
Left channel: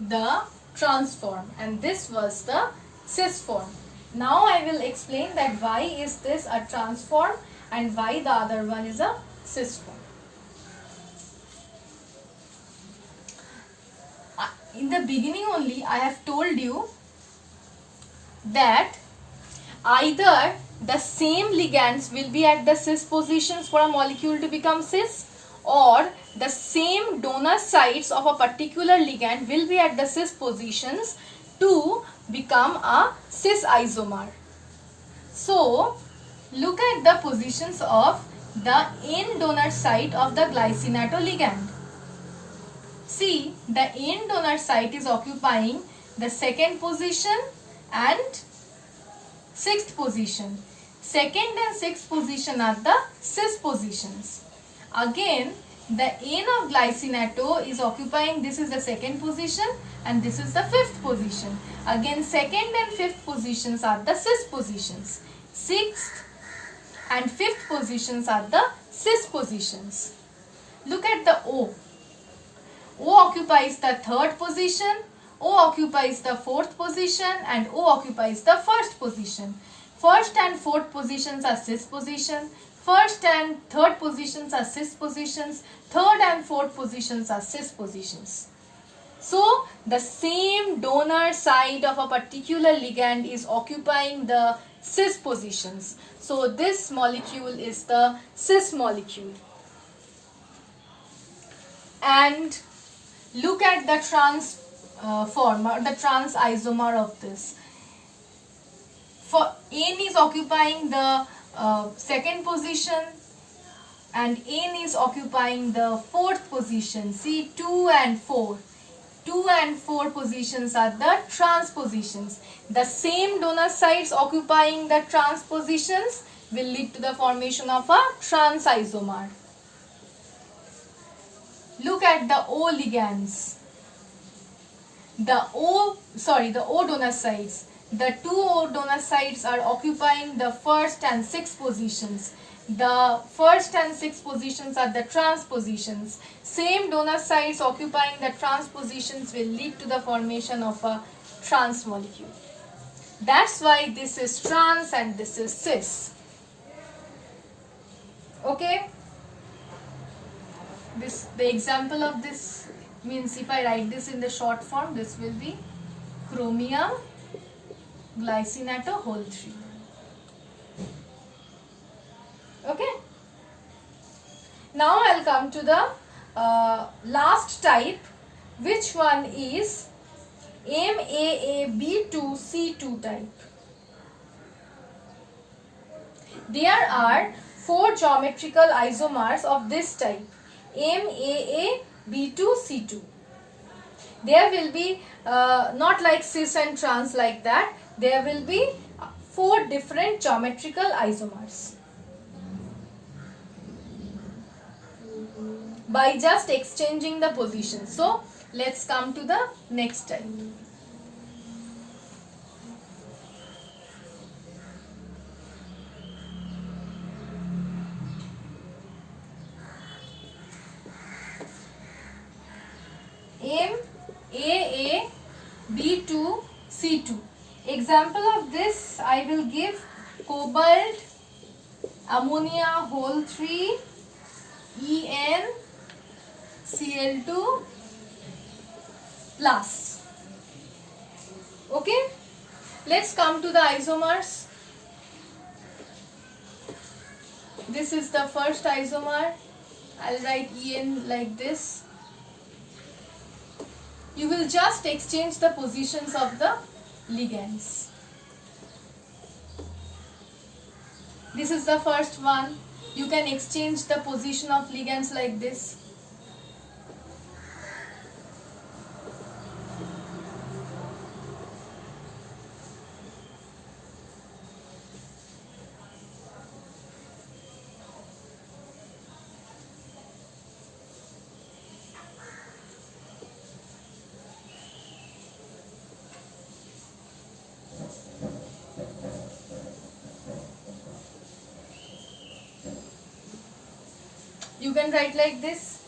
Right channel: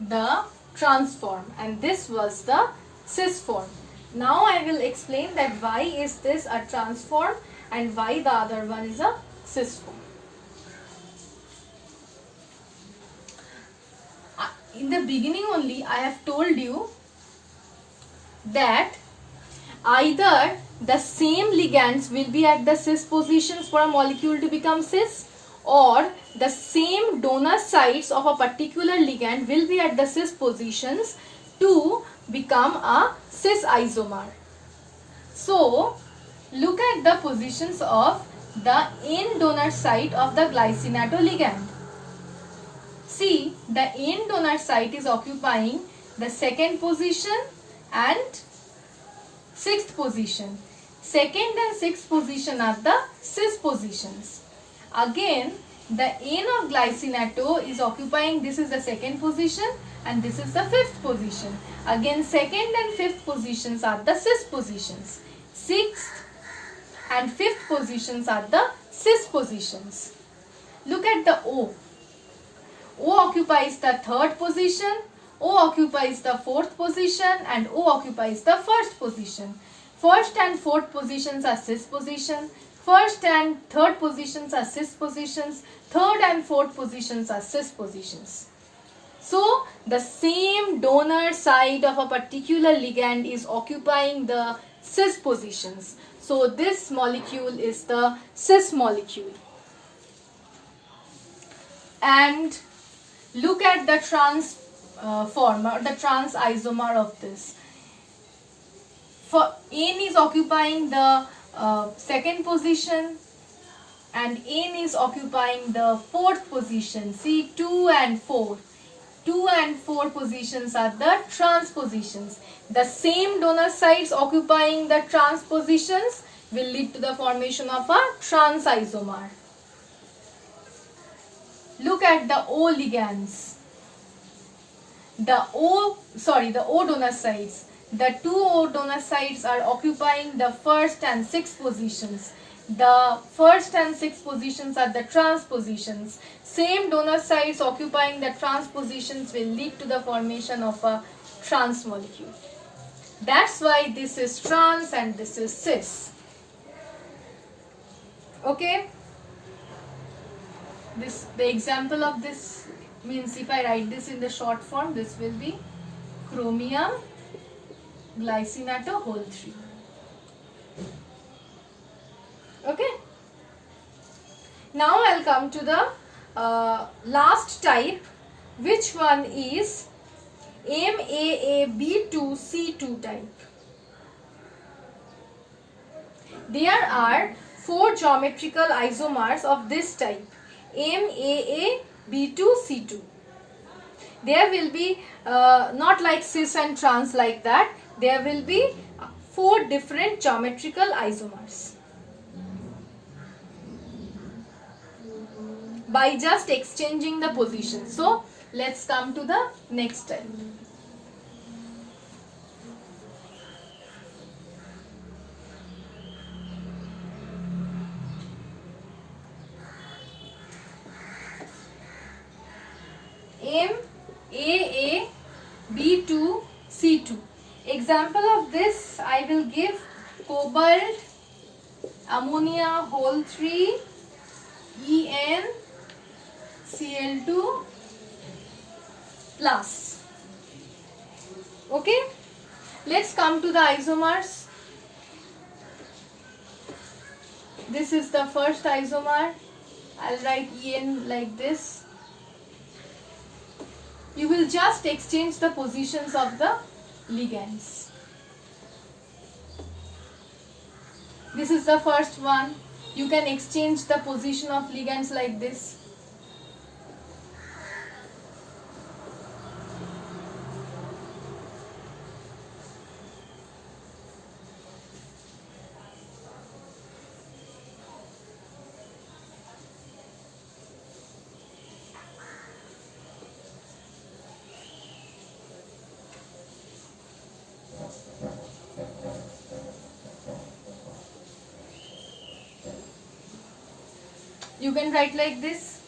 the trans form and this was the cis form. Now I will explain that why is this a trans form and why the other one is a cis form. In the beginning only I have told you that either the same ligands will be at the cis positions for a molecule to become cis, or the same donor sites of a particular ligand will be at the cis positions to become a cis isomer. So, look at the positions of the N donor site of the glycinato ligand. See, the N donor site is occupying the second position and sixth position. Second and sixth position are the cis positions. Again, the N of glycinato is occupying, this is the second position and this is the fifth position. Again, second and fifth positions are the cis positions. Sixth and fifth positions are the cis positions. Look at the O. O occupies the third position, O occupies the fourth position, and O occupies the first position. First and fourth positions are cis position. First and third positions are cis positions. Third and fourth positions are cis positions. So, the same donor side of a particular ligand is occupying the cis positions. So, this molecule is the cis molecule. And look at the trans form or the trans isomer of this. For N is occupying the second position and N is occupying the fourth position. See, 2 and 4. 2 and 4 positions are the trans positions. The same donor sites occupying the trans positions will lead to the formation of a trans isomer. Look at the O ligands. The O donor sites. The 2 O donor sites are occupying the first and sixth positions. The first and sixth positions are the trans positions. Same donor sites occupying the trans positions will lead to the formation of a trans molecule. That's why this is trans and this is cis. Okay? The example of this means, if I write this in the short form, this will be chromium glycinato whole 3. Okay. Now I'll come to the last type, which one is MAAB2C2 type. There are 4 geometrical isomers of this type, MAAB2C2. There will be not like cis and trans like that. There will be 4 different geometrical isomers. By just exchanging the position. So, let's come to the next type. MAAB2C2. Example of this I will give cobalt, ammonia whole 3, En, Cl2 plus. Okay, let's come to the isomers. This is the first isomer. I'll write En like this. You will just exchange the positions of the ligands. This is the first one. You can exchange the position of ligands like this. You can write like this.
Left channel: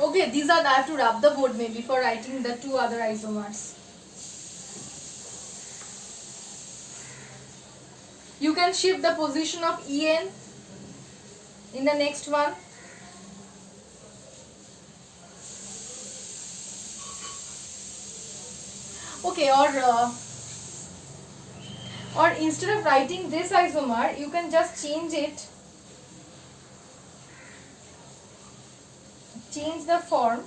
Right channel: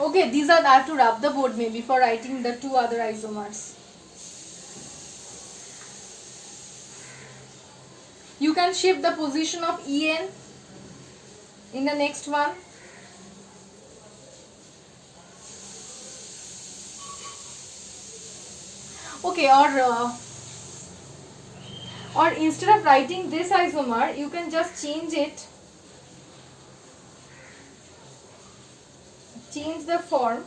Okay, these are, I have to rub the board maybe for writing the 2 other isomers. You can shift the position of En in the next one. Okay, or instead of writing this isomer, you can just change it. Change the form.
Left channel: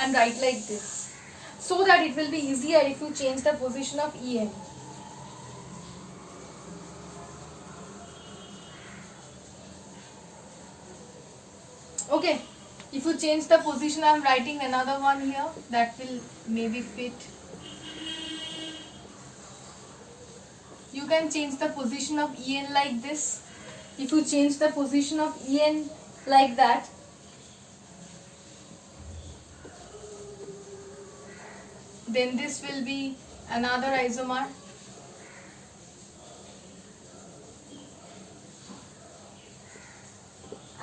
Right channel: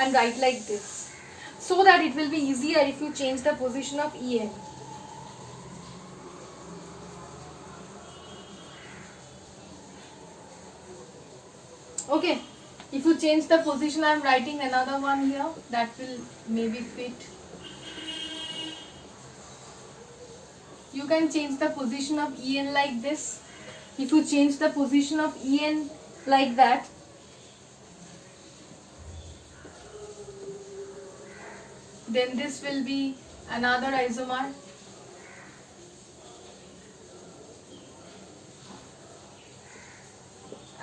And write like this, so that it will be easier if you change the position of En. Okay, if you change the position, I am writing another one here that will maybe fit. you can change the position of En like this. If you change the position of En like that, then this will be another isomer.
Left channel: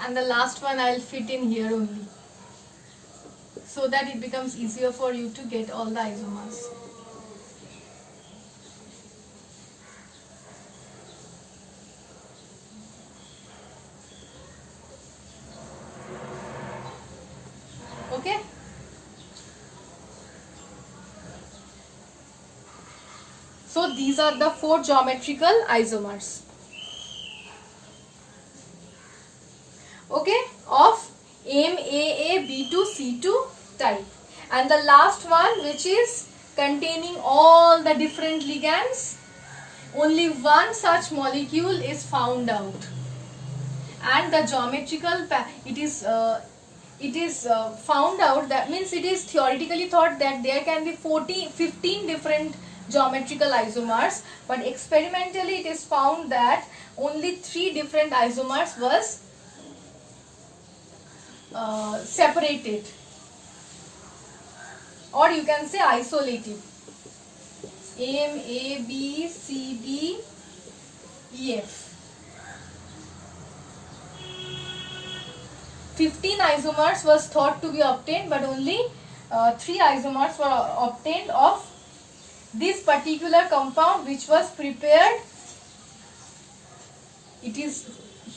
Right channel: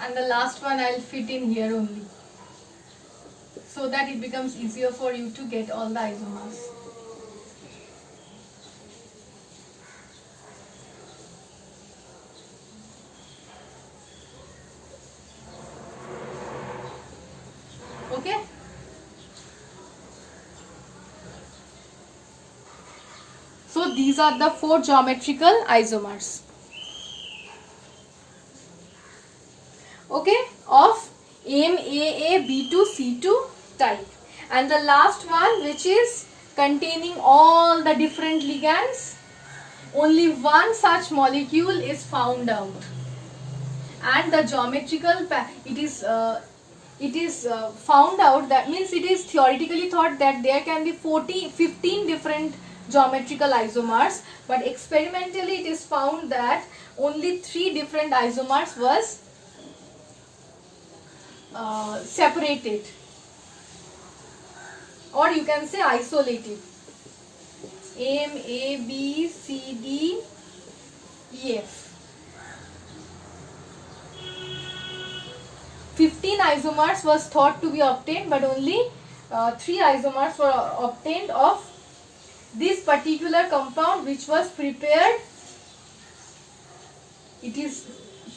And the last one I'll fit in here only, so that it becomes easier for you to get all the isomers. Okay? So these are the 4 geometrical isomers. Okay, of MAAB2C2 type. And the last one, which is containing all the different ligands, only one such molecule is found out. And the geometrical, it is found out, that means it is theoretically thought that there can be 15 different geometrical isomers, but experimentally it is found that only 3 different isomers was separated, or you can say isolated. M, A, B, C, D, E, F. 15 isomers was thought to be obtained, but only 3 isomers were obtained of this particular compound, which was prepared. It is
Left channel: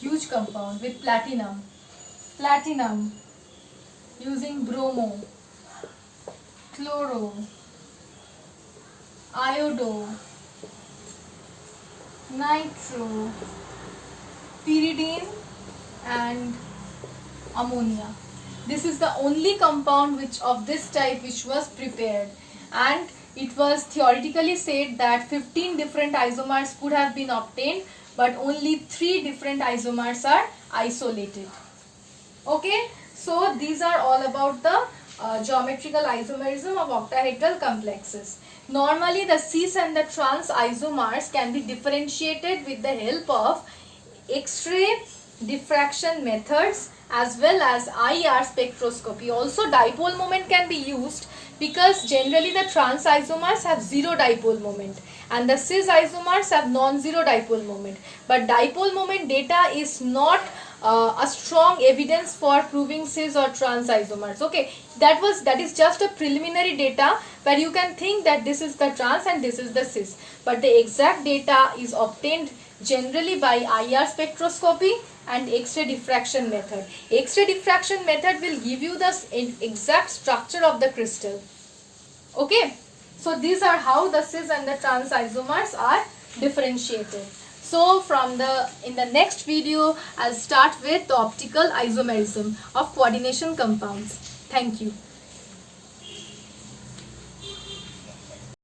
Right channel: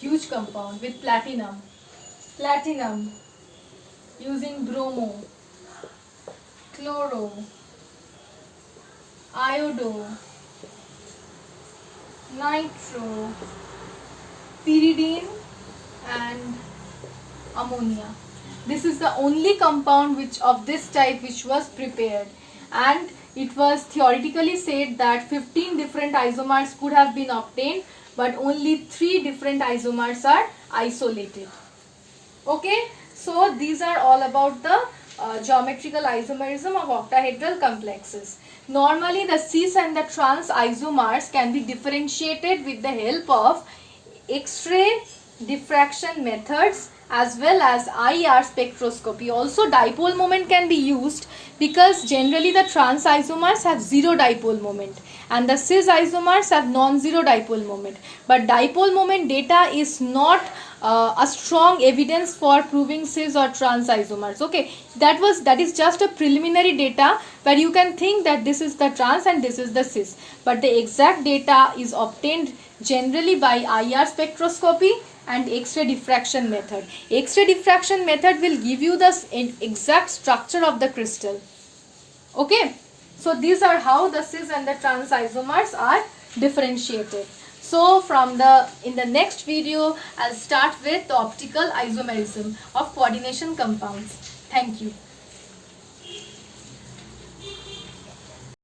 huge compound with platinum using bromo, chloro, iodo, nitro, pyridine and ammonia. This is the only compound which of this type which was prepared, and it was theoretically said that 15 different isomers could have been obtained, but only 3 different isomers are isolated. Okay, so these are all about the geometrical isomerism of octahedral complexes. Normally the cis and the trans isomers can be differentiated with the help of X-ray diffraction methods as well as IR spectroscopy. Also dipole moment can be used, because generally the trans isomers have 0 dipole moment and the cis isomers have non-zero dipole moment. But dipole moment data is not a strong evidence for proving cis or trans isomers. Okay, that is just a preliminary data where you can think that this is the trans and this is the cis, but the exact data is obtained generally by IR spectroscopy and X-ray diffraction method. X-ray diffraction method will give you the exact structure of the crystal. Okay, so these are how the cis and the trans isomers are differentiated. So in the next video, I'll start with the optical isomerism of coordination compounds. Thank you.